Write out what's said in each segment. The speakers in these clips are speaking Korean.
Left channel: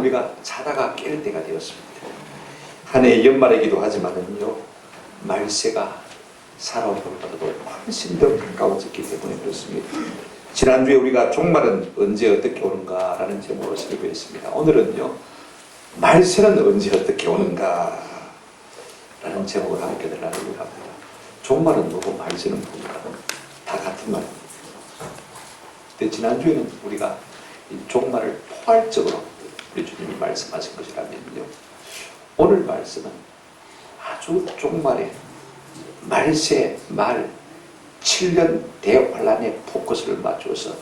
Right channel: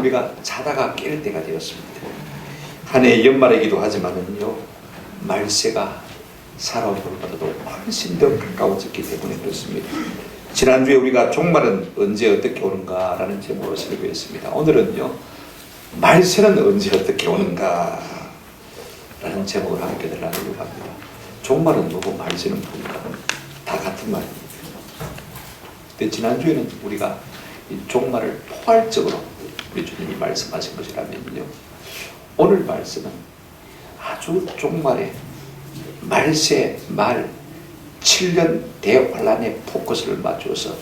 우리가 자다가 깰 때가 되었습니다. 한 해의 연말이기도 하지만은요, 말세가 살아온 것보다도 훨씬 더 가까워졌기 때문에 그렇습니다. 지난주에 우리가 종말은 언제 어떻게 오는가 라는 제목으로 설교했습니다. 오늘은요, 말세는 언제 어떻게 오는가 라는 제목으로 함께 나누려고 합니다. 종말은 뭐고 말세는 뭔가 다 같은 말입니다. 근데 지난주에는 우리가 이 종말을 포괄적으로 우리 주님이 말씀하신 것이라면요, 오늘 말씀은 아주 종말의 말세 말 7년 대환란의 포커스를 맞춰서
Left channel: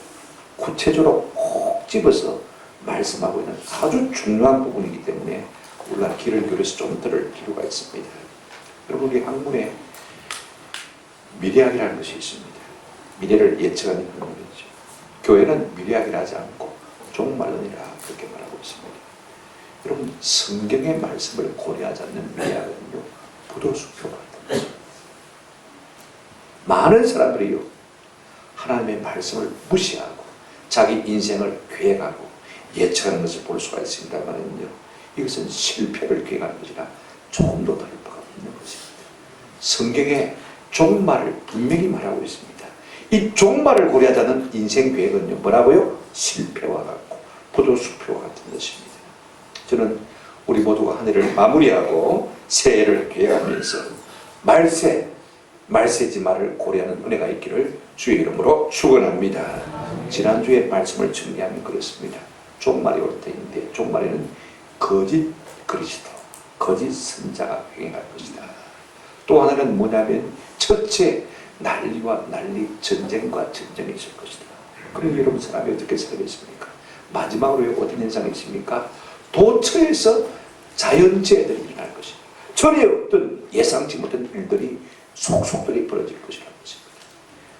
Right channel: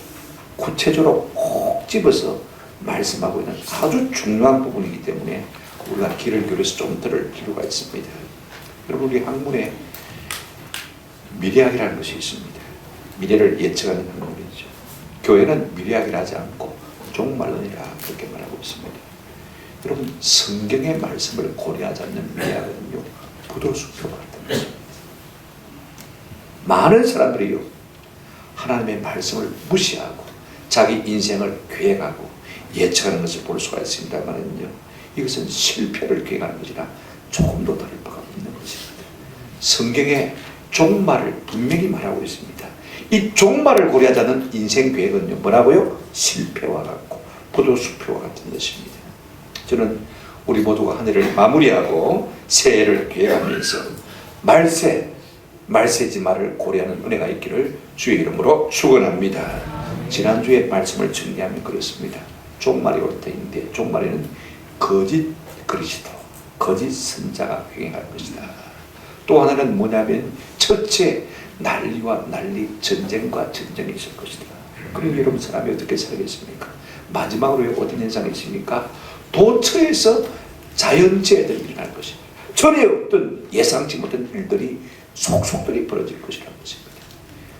구체적으로 콕 집어서 말씀하고 있는 아주 중요한 부분이기 때문에 우리가 귀를 기울여서 좀 들을 필요가 있습니다. 여러분, 우리 학문에 미래학이라는 것이 있습니다. 미래를 예측하는 학문이죠. 교회는 미래학이라 하지 않고 종말론이라 그렇게 말하고 있습니다. 여러분, 성경의 말씀을 고려하지 않는 미래학은요, 부도수표 같은 것입니다. 많은 사람들이요, 하나님의 말씀을 무시하고 자기 인생을 계획하고 예측하는 것을 볼 수가 있습니다만은요, 이것은 실패를 계획하는 것이라 조금도 다를 바가 없는 것입니다. 성경의 종말을 분명히 말하고 있습니다. 이 종말을 고려하지 않는 인생 계획은요, 뭐라고요? 실패와 같고 포도수표와 같은 것입니다. 저는 우리 모두가 한 해를 마무리하고 새해를 계획하면서 말세지 말을 고려하는 은혜가 있기를 주의 이름으로 축원합니다. 지난주에 말씀을 정리하면 그렇습니다. 종말이 올 때인데 종말에는 거짓 그리스도, 거짓 선자가 횡행할 것이다. 또 하나는 뭐냐면 첫째 난리와 난리, 전쟁과 전쟁이 있을 것이다. 그럼 여러분, 사람이 어떻게 살겠습니까? 마지막으로 어떤 현상이 있습니까? 도처에서 자연재해들이 일어날 것입니다. 전에 어떤 예상치 못한 일들이 속속들이 벌어질 것이라는 것입니다.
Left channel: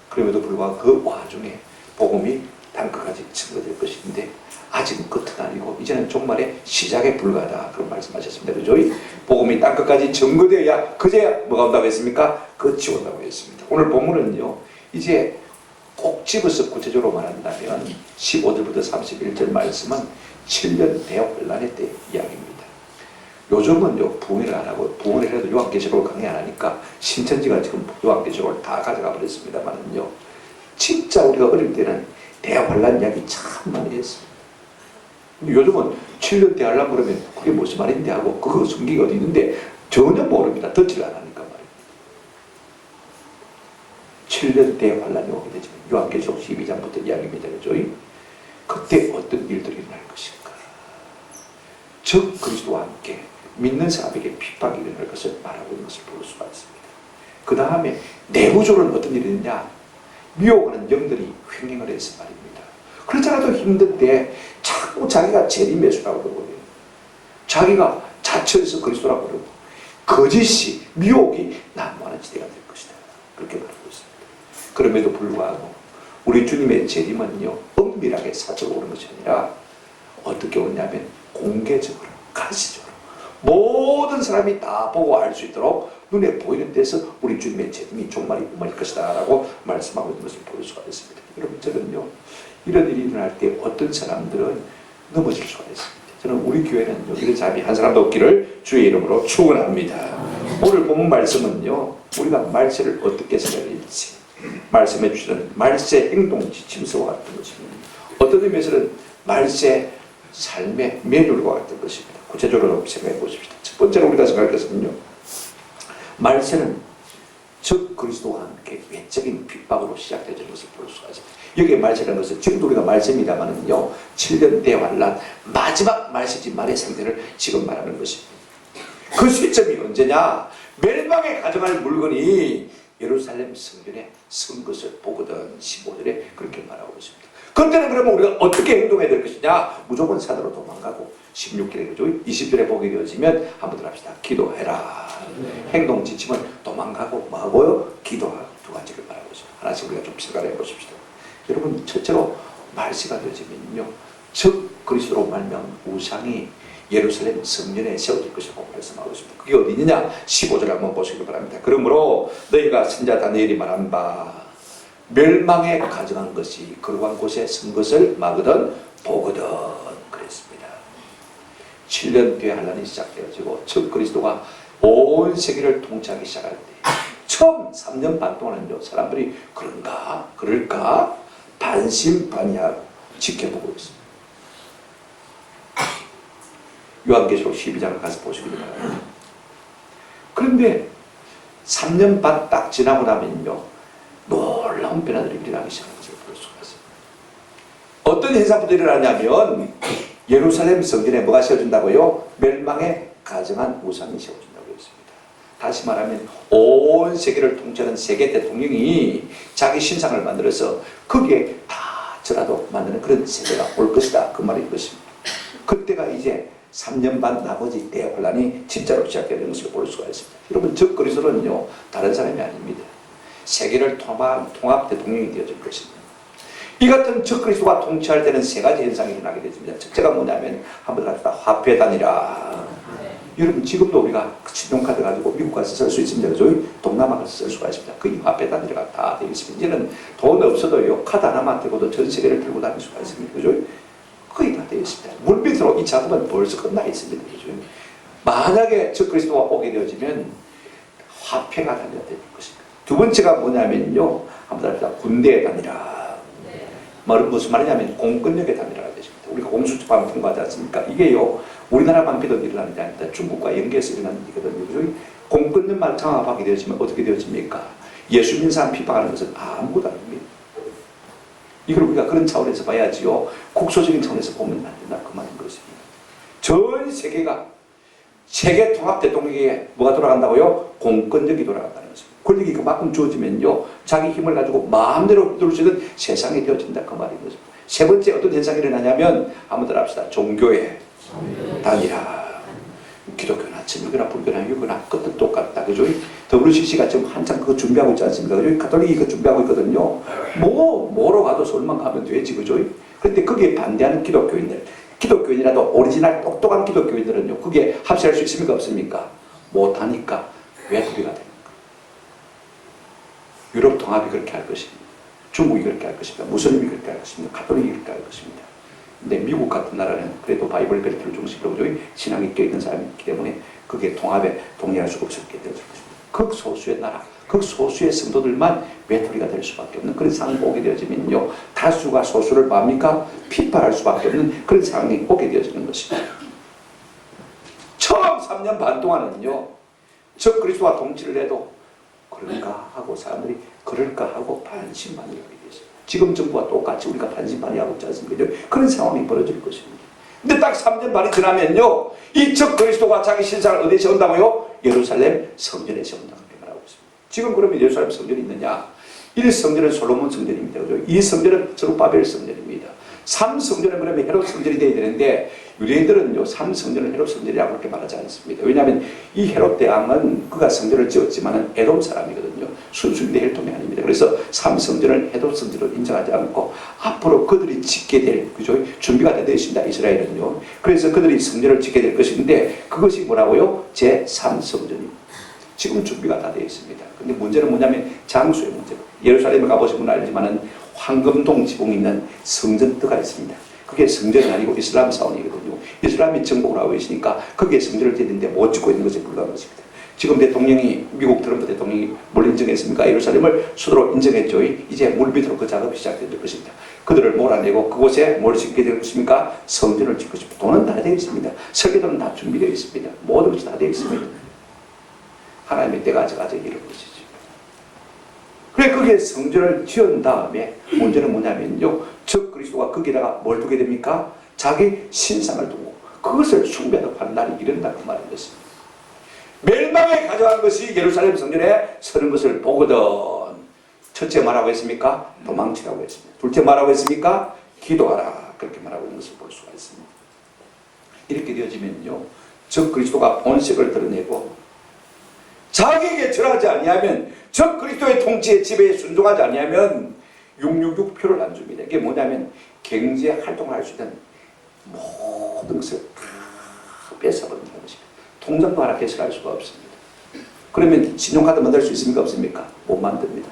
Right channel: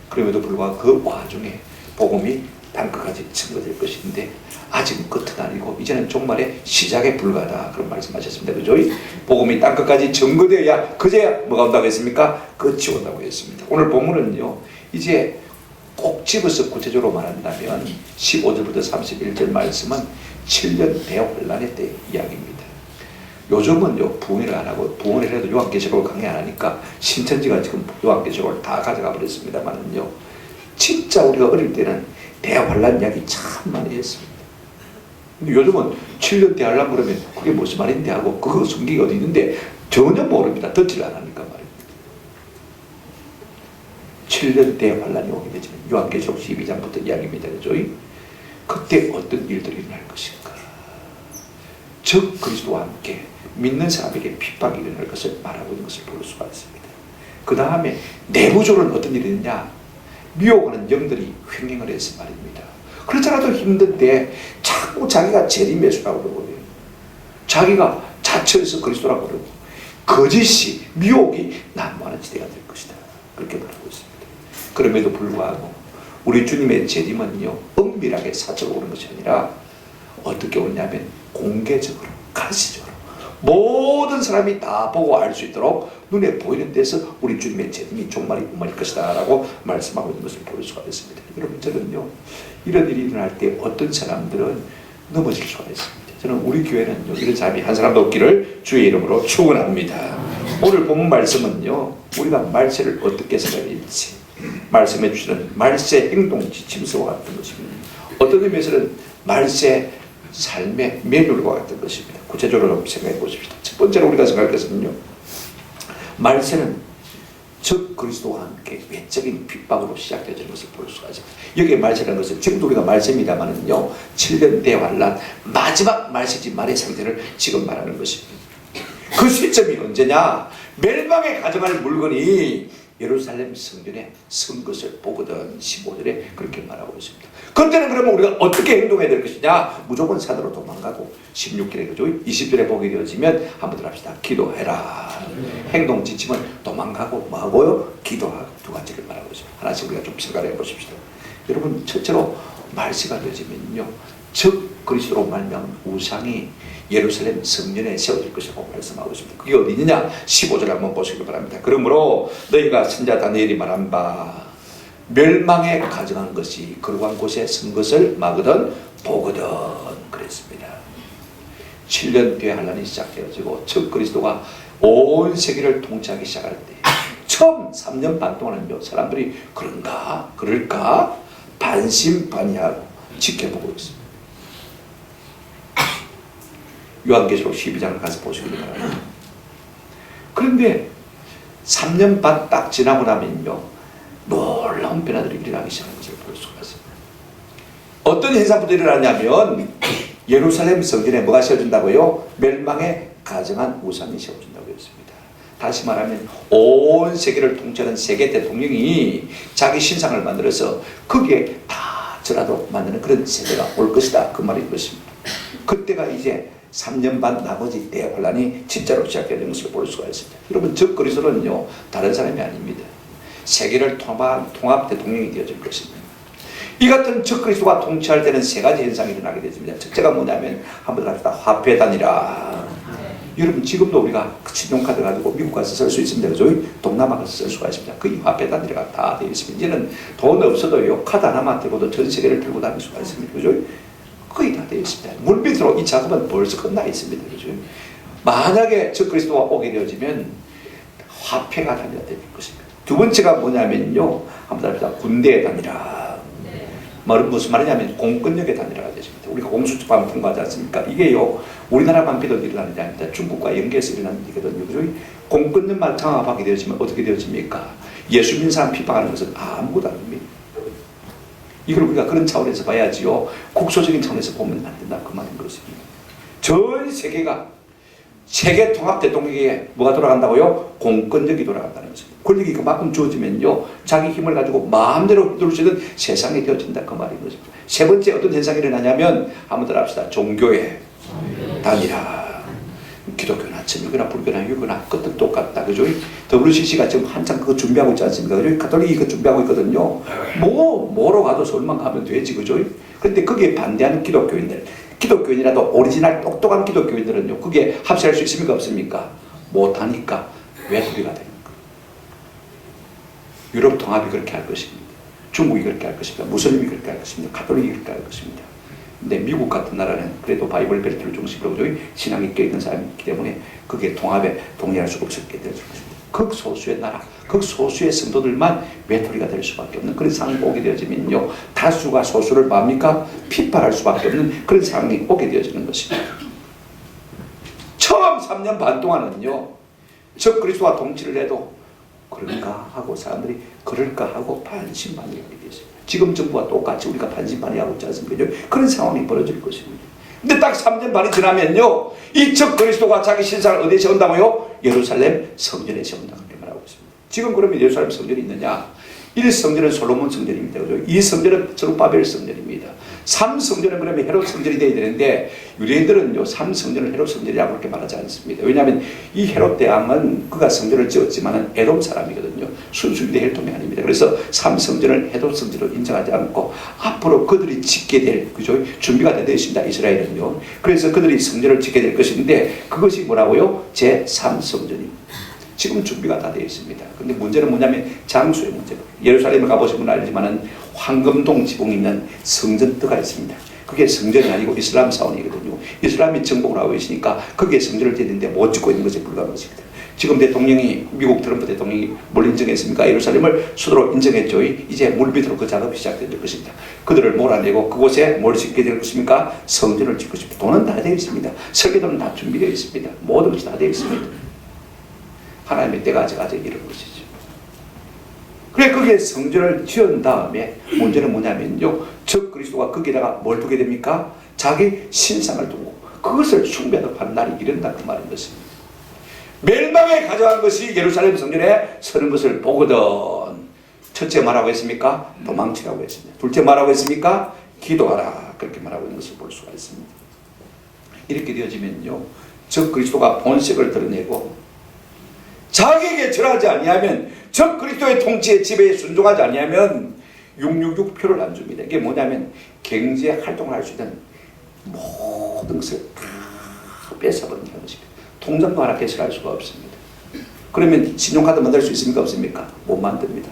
그럼에도 불구하고 그 와중에 복음이 땅끝까지 증거될 것인데 아직은 끝은 아니고 이제는 종말의 시작에 불과하다, 그런 말씀하셨습니다. 그죠? 복음이 땅끝까지 증거되어야 그제야 뭐가 온다고 했습니까? 끝이 온다고 했습니다. 오늘 본문은요, 이제 꼭 집어서 구체적으로 말한다면 15절부터 31절 말씀은 7년 대환란의 때 이야기입니다. 요즘은요, 부흥회를 안 하고, 부흥회를 해도 요한계시록을 강의 안 하니까 신천지가 지금 요한계시록을 다 가져가 버렸습니다만은요, 진짜 우리가 어릴 때는 대환란 이야기 참 많이 했습니다. 근데 요즘은 7년 대환란 그러면 그게 무슨 말인데 하고, 그거 성경이 어디 있는데 전혀 모릅니다. 듣지를 안 하니까 말입니다. 7년 대환란이 오게 되지만 요한계시록 12장부터 이야기입니다. 그죠? 그때 어떤 일들이 일어날 것인가? 즉 그리스도와 함께 믿는 사람에게 핍박이 일어날 것을 말하고 있는 것을 볼 수가 있습니다. 그 다음에 내부적으로는 어떤 일이 있느냐? 미혹하는 영들이 횡행을 해서 말입니다. 그렇잖아도 힘든데 자꾸 자기가 재림예수라고 그러고 자기가 자처해서 그리스도라고 그러고 거짓이, 미혹이 난무하는 지대가 될 것이다, 그렇게 말하고 있습니다. 그럼에도 불구하고 우리 주님의 재림은요, 은밀하게 사적으로 오는 것이 아니라 어떻게 오냐면 공개적으로, 가시적으로 모든 사람이 다 보고 알 수 있도록 눈에 보이는 데서 우리 주님의 재림이 종말이 임할 것이다 라고 말씀하고 있는 것을 볼 수가 있습니다. 여러분, 저는요, 이런 일이 일어날 때 어떤 사람들은 넘어질 수가 있습니다. 저는 우리 교회는요, 이런 사람이 한 사람도 없기를 주의 이름으로 축원합니다. 오늘 본문 말씀은요, 우리가 말세를 어떻게 생각할지 말씀해 주시는 말세 행동 지침서와 같은 것입니다. 어떤 의미에서는 말세 삶의 매뉴얼과 같은 것입니다. 구체적으로 생각해 보십시다. 첫 번째로 우리가 생각할 것은요, 말세는 즉 그리스도와 함께 외적인 핍박으로 시작되는 것을 볼 수가 있습니다. 여기에 말세라는 것은 지금도 우리가 말세입니다만은요, 7년 대환란 마지막 말세지 말의 상태를 지금 말하는 것입니다. 그 시점이 언제냐? 멸망에 가져갈 물건이 예루살렘 성전에 선 것을 보거든. 15절에 그렇게 말하고 있습니다. 그때는 그러면 우리가 어떻게 행동해야 될 것이냐? 무조건 산으로 도망가고, 16절에 그죠? 20절에 보게 되어지면 한번 더 합시다. 기도해라. 행동 지침은 도망가고 뭐하고요? 기도하고, 두 가지를 말하고 있습니다. 하나씩 우리가 좀 생각해 보십시다. 여러분, 첫째로 말세가 되어지면요, 즉 그리스도로 말미암은 우상이 예루살렘 성전에 세워질 것이라고 말씀하고 있습니다. 그게 어디 있느냐? 15절 한번 보시기 바랍니다. 그러므로 너희가 선자 다니엘이 말한 바 멸망에 가정한 것이 거룩한 곳에 선 것을 막으든 보거든 그랬습니다. 7년 뒤에 환란이 시작되어지고 즉 그리스도가 온 세계를 통치하기 시작할 때 처음 3년 반 동안은요, 사람들이 그런가 그럴까 반신반의하고 지켜보고 있습니다. 요한계시록 12장을 가서 보시기 바랍니다. 그런데 3년 반 딱 지나고 나면요, 놀라운 변화들이 일어나기 시작하는 것을 볼 수가 있습니다. 어떤 현상부터 일어나냐면 예루살렘 성전에 뭐가 세워진다고요? 멸망에 가정한 우상이 세워진다고 했습니다. 다시 말하면 온 세계를 통치하는 세계 대통령이 자기 신상을 만들어서 거기에 다 저라도 만드는 그런 세대가 올 것이다, 그 말인 것입니다. 그때가 이제 3년 반 나머지 대환란이 진짜로 시작되는 것을 볼 수가 있습니다. 여러분, 즉 그리스도는요, 다른 사람이 아닙니다. 세계를 통합 대통령이 되어질 것입니다. 이 같은 적그리스도가 통치할 때는 세 가지 현상이 일어나게 되십니다. 첫째가 뭐냐면 한번 갑시다. 화폐단이라. 여러분 지금도 우리가 신용카드 가지고 미국 가서 쓸 수 있습니다. 그죠? 동남아 가서 쓸 수가 있습니다. 거의 화폐단이라가 다 되어 있습니다. 이제는 돈 없어도요 카드 하나만 들고도 전 세계를 들고 다닐 수가 있습니다. 그죠? 거의 다 되어 있습니다. 물밑으로 이 작업은 벌써 끝나 있습니다. 그죠? 만약에 적그리스도가 오게 되어지면 화폐가 단위가 될 것입니다. 두 번째가 뭐냐면요. 한번 답시다. 군대의 단위라. 말은 무슨 말이냐면 공권력의 단위라가 되십니다. 우리가 공수처법 통과하지 않습니까? 이게요 우리나라만 믿어 일어나는 게 아닙니다. 중국과 연계해서 일어나는 일이거든요. 그죠? 공권력만 장악하게 되어지면 어떻게 되어집니까? 예수 믿는 사람 핍박하는 것은 아무것도 아닙니다. 이걸 우리가 그런 차원에서 봐야지요. 국소적인 차원에서 보면 안 된다 그 말인 것입니다. 전 세계가 세계 통합 대통령에게 뭐가 돌아간다고요? 공권력이 돌아간다는 것입니다. 권력이 그만큼 주어지면요 자기 힘을 가지고 마음대로 휘두를 수 있는 세상이 되어진다 그 말인 것입니다. 세 번째 어떤 현상이 일어나냐면 한번 더 합시다. 종교의 단일화. 기독교나 천주교나 불교나 유교나 끝은 똑같다. 그죠? WCC가 지금 한창 그거 준비하고 있지 않습니까? 그죠? 가톨릭이 그거 준비하고 있거든요. 뭐로 가도 서울만 가면 되지. 그죠? 그런데 거기에 반대하는 기독교인이라도 오리지널 똑똑한 기독교인들은요 그게 합세할 수 있습니까? 없습니까? 못하니까 외톨이가 됩니다. 유럽 통합이 그렇게 할 것입니다. 중국이 그렇게 할 것입니다. 무슬림이 그렇게 할 것입니다. 가톨릭이 그렇게 할 것입니다. 근데 미국 같은 나라는 그래도 바이블 벨트를 중심으로 신앙이 껴있는 사람이 있기 때문에 그게 통합에 동의할 수가 없었게 될 것입니다. 극소수의 나라, 극소수의 성도들만 외톨이가 될 수밖에 없는 그런 상황이 오게 되어지면요 다수가 소수를 뭡니까? 핍박할 수밖에 없는 그런 상황이 오게 되어지는 것입니다. 처음 3년 반 동안은요 적그리스도가 통치를 해도 그런가 하고 사람들이 그럴까 하고 반신반의하게 되었습니다. 지금 정부와 똑같이 우리가 반신반의하고 있지 않습니까? 그런 상황이 벌어질 것입니다. 근데 딱 3년 반이 지나면요 이 적그리스도가 자기 신상을 어디에 세운다고요? 예루살렘 성전에 세운다 그렇게 말하고 있습니다. 지금 그러면 예루살렘 성전이 있느냐? 1성전은 솔로몬 성전입니다. 그죠? 2성전은 스룹바벨 성전입니다. 3성전은 그러면 헤롯 성전이 되어야 되는데 유대인들은요 3성전을 헤롯 성전이라고 그렇게 말하지 않습니다. 왜냐하면 이 헤롯 대왕은 그가 성전을 지었지만은 에돔 사람이거든요. 순수 유대 혈통이 아닙니다. 그래서 3성전을 헤롯 성전으로 인정하지 않고 앞으로 그들이 짓게 될 그죠? 준비가 되어 있습니다. 이스라엘은요. 그래서 그들이 성전을 짓게 될 것인데 그것이 뭐라고요? 제3성전입니다. 지금 준비가 다 되어 있습니다. 근데 문제는 뭐냐면 장소의 문제입니다. 예루살렘에 가보시면 알지만은 황금동 지붕이 있는 성전터가 있습니다. 그게 성전이 아니고 이슬람 사원이거든요. 이슬람이 정복을 하고 있으니까 거기에 성전을 짓는데 못 짓고 있는 것에 불과한 것입니다. 지금 대통령이 미국 트럼프 대통령이 뭘 인정했습니까? 예루살렘을 수도로 인정했죠. 이제 물밑으로 그 작업이 시작될 것입니다. 그들을 몰아내고 그곳에 뭘 짓게 될 것입니까? 성전을 짓고 싶습니다. 돈은 다 되어 있습니다. 설계도는 다 준비되어 있습니다. 모든 것이 다 되어 있습니다. 하나님의 때가 아직 이런 것이죠. 그래 거기에 성전을 지은 다음에 문제는 뭐냐면요 적그리스도가 거기다가 뭘 두게 됩니까? 자기 신상을 두고 그것을 숭배하는 날이 이른다 그 말인 것입니다. 멸망에 가져간 것이 예루살렘 성전에 서는 것을 보거든 첫째 말하고 했습니까? 도망치라고 했습니다. 둘째 말하고 했습니까? 기도하라 그렇게 말하고 있는 것을 볼 수가 있습니다. 이렇게 되어지면요 적그리스도가 본색을 드러내고 자기에게 절하지 아니하면 적그리스도의 통치의 지배에 순종하지 아니하면 666표를 안 줍니다. 이게 뭐냐면 경제 활동을 할 수 있는 모든 것을 다 뺏어버린다는 것입니다. 통장도 하나 개설할 수가 없습니다. 그러면 신용카드 만들 수 있습니까? 없습니까? 못 만듭니다.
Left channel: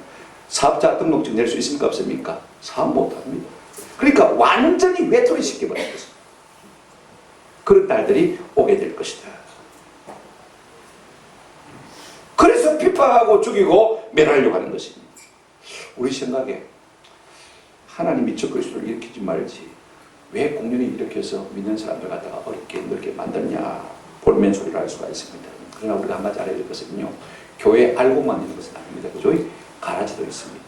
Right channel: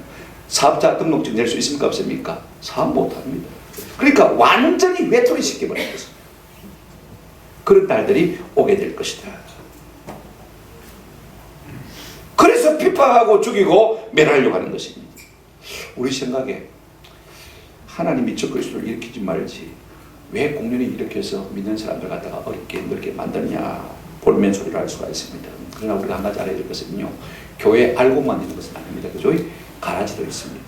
사업자 등록증 낼 수 있습니까? 없습니까? 사업 못합니다. 그러니까 완전히 외톨이 시켜버린 것입니다. 그런 날들이 오게 될 것이다. 그래서 핍박하고 죽이고 멸하려고 하는 것입니다. 우리 생각에 하나님이 적그리스도를 일으키지 말지 왜 공연히 이렇게 해서 믿는 사람들 갖다가 어렵게 넓게 만드냐 볼멘 소리를 할 수가 있습니다. 그러나 우리가 한 가지 알아야 될 것은요 교회 알고만 있는 것은 아닙니다. 그죠? 가라지도 있습니다.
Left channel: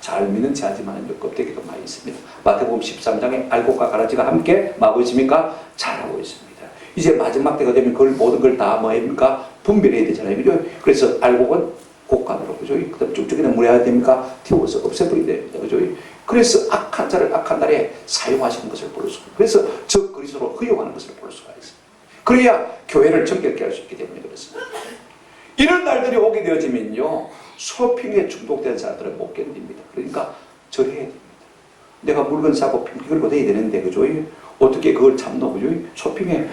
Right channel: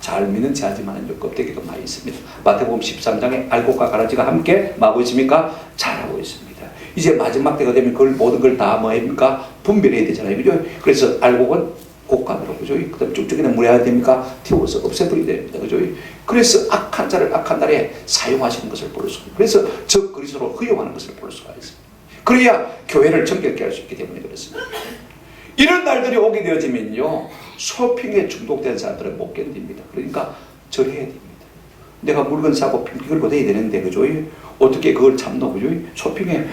잘 믿는 자지만은 껍데기가 많이 있습니다. 마태복음 13장에 알곡과 가라지가 함께 뭐하고 있습니까? 자라고 있습니다. 이제 마지막 때가 되면 그걸 모든 걸 다 뭐합니까? 분별해야 되잖아요. 그죠? 그래서 알곡은 곡간으로, 그죠? 그 다음 쭉쭉이는 물에 해야 됩니까? 태워서 없애버리게 됩니다. 그죠? 그래서 악한 자를 악한 날에 사용하시는 것을 볼 수, 그래서 적그리스도로 허용하는 것을 볼 수가 있습니다. 그래야 교회를 정결케 할 수 있기 때문에 그렇습니다. 이런 날들이 오게 되어지면요, 쇼핑에 중독된 사람들은 못 견딥니다. 그러니까 절해야 됩니다. 내가 물건 사고 핑핑 걸고 다녀야 되는데, 그죠? 어떻게 그걸 참노, 그죠? 쇼핑에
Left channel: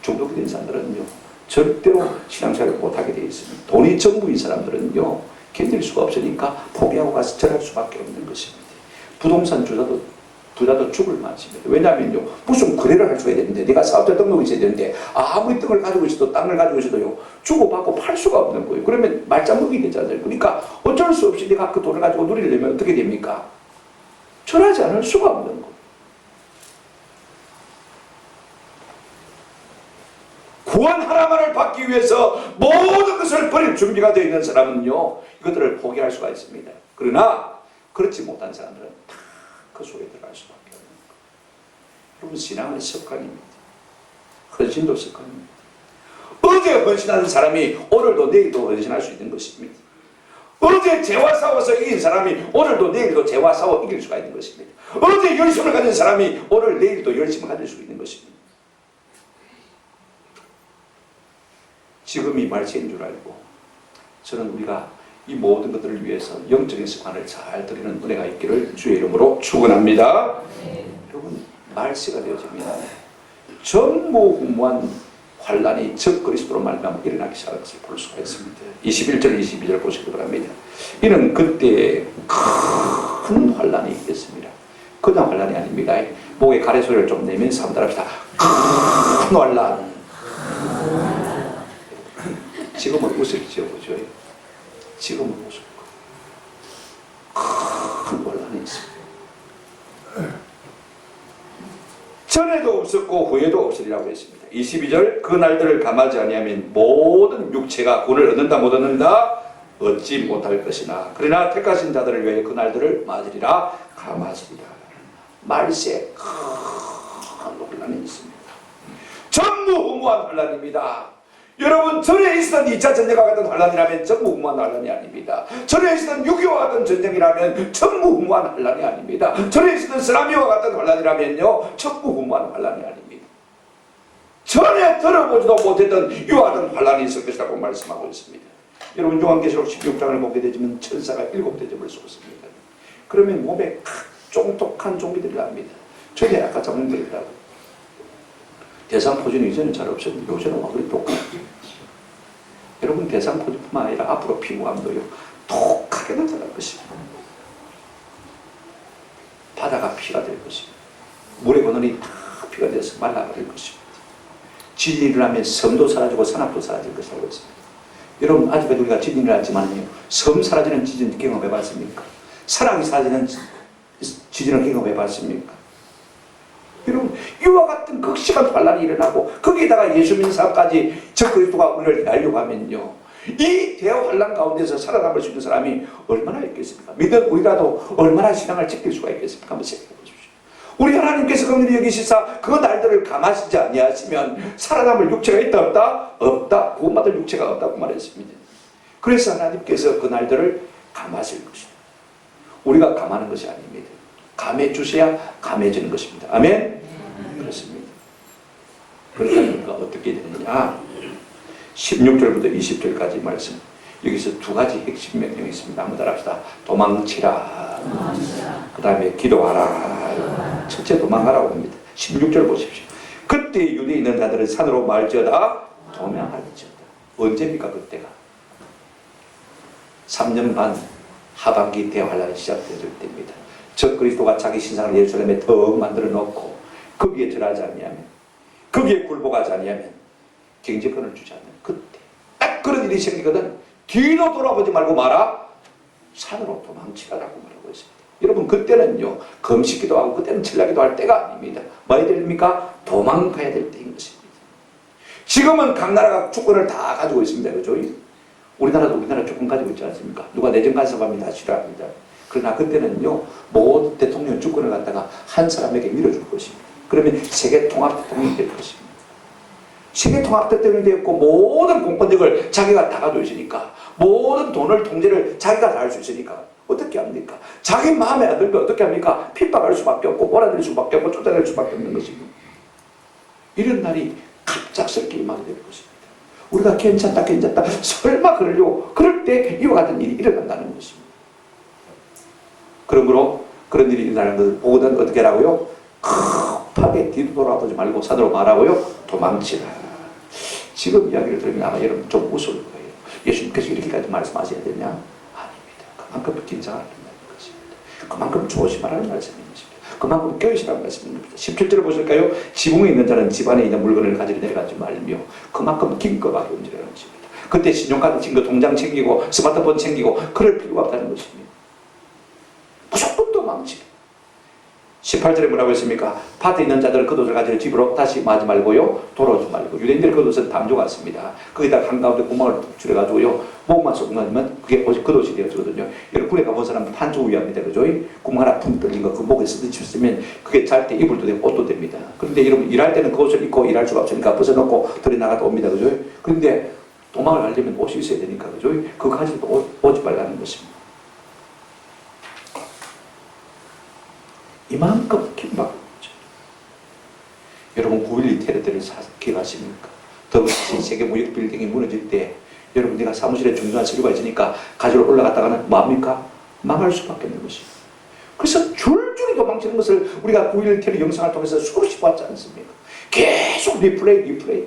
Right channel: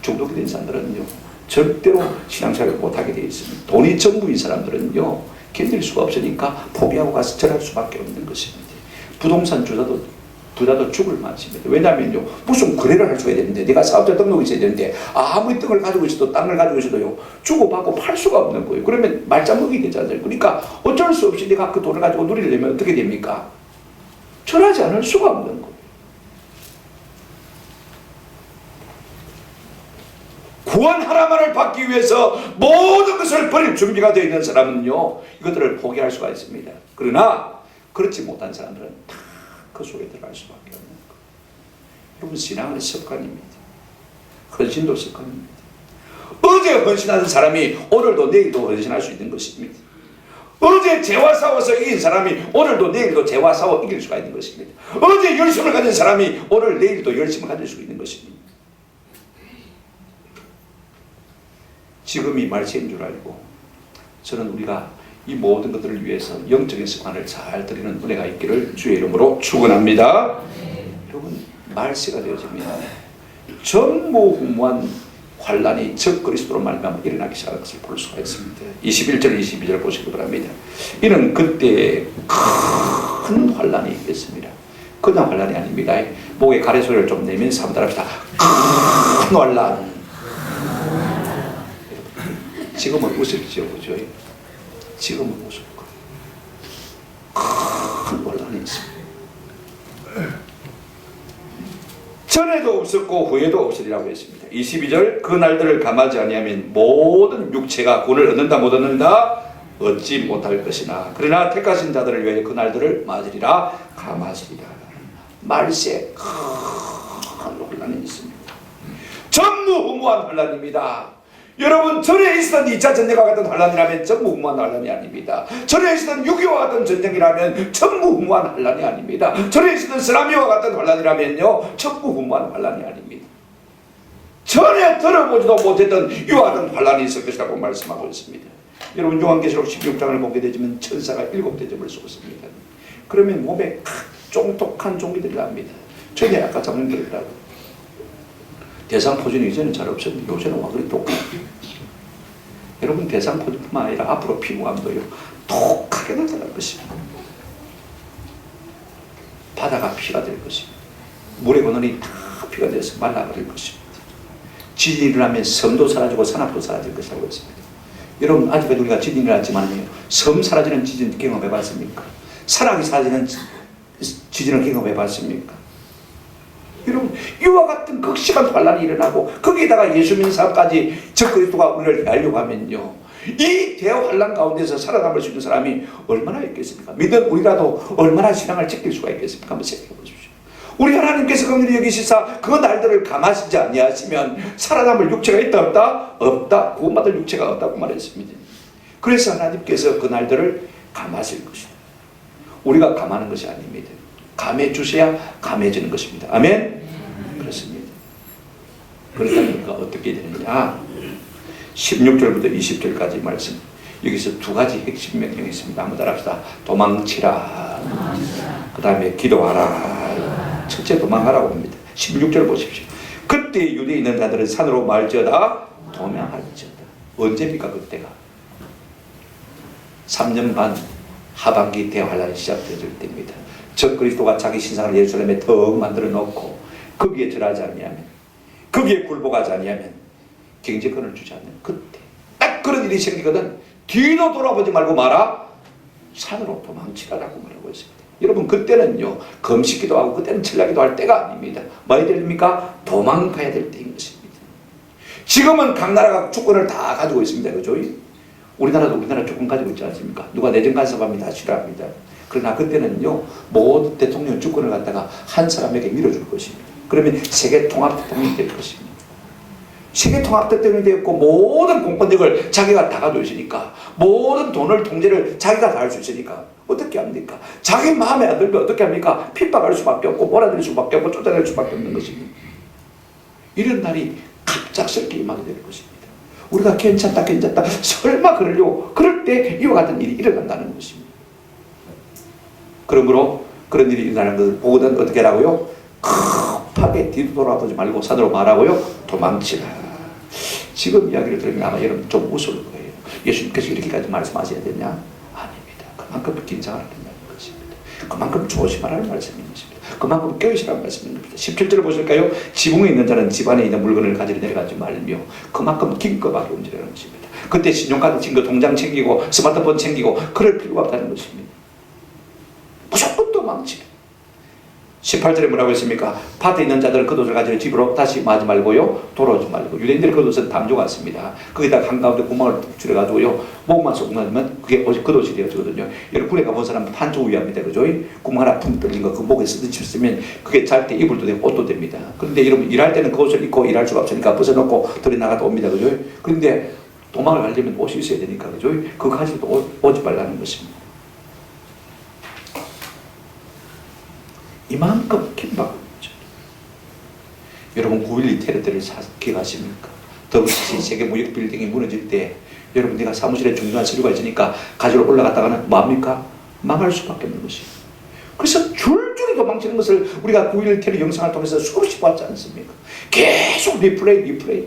중독이 된 사람들은요, 절대로 신앙생활을 못하게 되어 있습니다. 돈이 전부인 사람들은요, 견딜 수가 없으니까 포기하고 가서 절할 수밖에 없는 것입니다. 부동산 부자도 죽을 맛입니다. 왜냐하면요, 무슨 거래를 할 수가 있어야 되는데, 내가 사업자 등록이 있어야 되는데, 아무리 땅을 가지고 있어도 주고받고 팔 수가 없는 거예요. 그러면 말짱먹이 되잖아요. 그러니까 어쩔 수 없이 내가 그 돈을 가지고 누리려면 어떻게 됩니까? 절하지 않을 수가 없는 거예요. 구원 하나만을 받기 위해서 모든 것을 버릴 준비가 되어 있는 사람은요, 이것들을 포기할 수가 있습니다. 그러나 그렇지 못한 사람들은 다 그 속에 들어갈 수밖에 없는 거예요. 여러분, 신앙은 습관입니다. 헌신도 습관입니다. 어제 헌신하는 사람이 오늘도 내일도 헌신할 수 있는 것입니다. 어제 죄와 싸워서 이긴 사람이 오늘도 내일도 죄와 싸워 이길 수가 있는 것입니다. 어제 열심을 가진 사람이 오늘 내일도 열심을 가질 수 있는 것입니다. 지금이 말세인 줄 알고, 저는 우리가 이 모든 것들을 위해서 영적인 습관을 잘 들이는 은혜가 있기를 주의 이름으로 축원합니다. 여러분, 말세가 되어지면 전무후무한 환란이 적 그리스도로 말미암아 일어나기 시작할 것을 볼 수가 있습니다. 21절 22절 보시기 바랍니다. 이는 그때 큰 환란이 있겠습니다. 그냥 환란이 아닙니다. 목에 가래 소리를 좀 내면서 한번 따라합시다. 큰 환란. 지금은 웃을지요, 그죠? 지금은 웃을 거예요. 큰 혼란이 있습니다. 전에도 없었고 후에도 없으리라고 했습니다. 22절, 그 날들을 감하지 아니하면 모든 육체가 구원을 얻는다 못 얻는다? 얻지 못할 것이나 그러나 택하신 자들을 위하여 그 날들을 맞으리라 감하시리라. 말세 큰 혼란이 있습니다. 전무후무한 혼란입니다. 여러분, 전에 있었던 2차 전쟁과 같은 환란이라면 전무후무한 환란이 아닙니다. 전에 있었던 6.25와 같은 전쟁이라면 전무후무한 환란이 아닙니다. 전에 있었던 쓰나미와 같은 환란이라면요, 전무후무한 환란이 아닙니다. 전에 들어보지도 못했던 이와 같은 환란이 있을 것이라고 말씀하고 있습니다. 여러분, 요한계시록 16장을 보게 되면 천사가 7대접을 쏟습니다. 그러면 몸에 쫑톡한 종이들이 납니다. 전에 아까 장면들이라고. 대상포진이 이제는 잘 없었는데 요새는 와 그리 독하게. 여러분, 대상포진뿐만 아니라 앞으로 피부암도요, 독하게 나타날 것입니다. 바다가 피가 될 것입니다. 물의 근원이 다 피가 돼서 말라버릴 것입니다. 지진이 일어나면 섬도 사라지고 산업도 사라질 것이라고 했습니다. 여러분, 아직까지 우리가 지진이 일어났지만요, 섬 사라지는 지진 경험해봤습니까? 산악이 사라지는 지진을 경험해봤습니까? 여러분, 이와 같은 극심한 환란이 일어나고 거기에다가 예수 믿는 사람까지 적 그리스도가 우리를 알려고 하면요, 이 대환란 가운데서 살아남을 수 있는 사람이 얼마나 있겠습니까? 믿는 우리라도 얼마나 신앙을 지킬 수가 있겠습니까? 한번 생각해 보십시오. 우리 하나님께서 긍휼히 여기시사 그 날들을 감하시지 아니하시면 살아남을 육체가 있다 없다? 없다. 구원받을 육체가 없다고 말했습니다. 그래서 하나님께서 그 날들을 감하실 것이다. 우리가 감하는 것이 아닙니다. 감해 주셔야 감해지는 것입니다. 아멘? 그렇습니다. 그러니까 어떻게 되느냐? 16절부터 20절까지 말씀. 여기서 두 가지 핵심 명령이 있습니다. 한번 따라합시다. 도망치라. 그 다음에 기도하라. 첫째 도망하라고 합니다. 16절 보십시오. 그때 유대에 있는 자들은 산으로 말지어다 도망할지어다. 언제입니까? 그때가 3년 반 하반기 대환란이 시작될 때입니다. 적 그리스도가 자기 신상을 예루살렘에 더욱 만들어 놓고 거기에 절하지 아니하면, 거기에 굴복하지 아니하면 경제권을 주지 않는 그때 딱 그런 일이 생기거든. 뒤로 돌아보지 말고 마라. 산으로 도망치라라고 말하고 있습니다. 여러분, 그때는요, 금식기도 하고 그때는 철야기도 할 때가 아닙니다. 뭐 해야 됩니까? 도망가야 될 때인 것입니다. 지금은 각 나라가 주권을 다 가지고 있습니다. 그죠? 우리나라도 우리나라 주권 가지고 있지 않습니까? 누가 내정 간섭하면 다 싫어합니다. 그러나 그때는요, 모든 대통령 주권을 갖다가 한 사람에게 밀어줄 것입니다. 그러면 세계 통합 대통령이 될 것입니다. 세계 통합 대통령이 되었고 모든 공권력을 자기가 다 가지고 있으니까, 모든 돈을 통제를 자기가 다 할 수 있으니까 어떻게 합니까? 자기 마음에 안 들면 어떻게 합니까? 핍박할 수밖에 없고 몰아낼 수밖에 없고 쫓아낼 수밖에 없는 것입니다. 이런 날이 갑작스럽게 임하게 될 것입니다. 우리가 괜찮다 설마 그러려고 그럴 때 이와 같은 일이 일어난다는 것입니다. 그러므로 그런 일이 일어나는 것을 보거든 어떻게 하라고요? 급하게 뒤도 돌아보지 말고 산으로 말하고요, 도망치라. 지금 이야기를 들으면 아마 여러분 좀 웃을 거예요. 예수님께서 이렇게까지 말씀하셔야 되냐? 아닙니다. 그만큼 긴장을 하는 것입니다. 그만큼 조심하라는 말씀인 것입니다. 그만큼 깨우시라는 말씀입니다. 17절을 보실까요? 지붕에 있는 자는 집안에 있는 물건을 가지러 내려가지 말며 그만큼 긴급하게 움직이라는 것입니다. 그때 신용카드 챙기고 통장 챙기고 스마트폰 챙기고 그럴 필요가 없다는 것입니다. 무조건 도망치라. 18절에 뭐라고 했습니까? 밭에 있는 자들은 겉옷을 가지러 집으로 다시 마지 말고요, 돌아오지 말고. 유대인들의 겉옷은 담조 같습니다. 거기다 한가운데 구멍을 툭 줄여가지고요, 목만 쏙 넣으면 그게 겉옷이 되어지거든요. 여러분 군에 가본 사람은 판촉 위합니다, 그죠? 구멍 하나 푹 뚫린 거 그 목에 쓰면 그게 잘 때 이불도 되고 옷도 됩니다. 그런데 여러분 일할 때는 그 옷을 입고 일할 수가 없으니까 벗어놓고 들이 나가다 옵니다, 그죠? 그런데 도망을 가려면 옷이 있어야 되니까, 그죠? 그거 가지고 오지 말라는 것입니다. 이만큼 긴박한 거죠. 여러분 9.12 테러 때를 기억하십니까? WTC 세계 무역 빌딩이 무너질 때 여러분 내가 사무실에 중요한 서류가 있으니까 가지러 올라갔다가는 뭡니까? 망할 수밖에 없는 것이에요. 그래서 줄줄이 도망치는 것을 우리가 9.11 테러 영상을 통해서 수없이 봤지 않습니까? 계속 리플레이.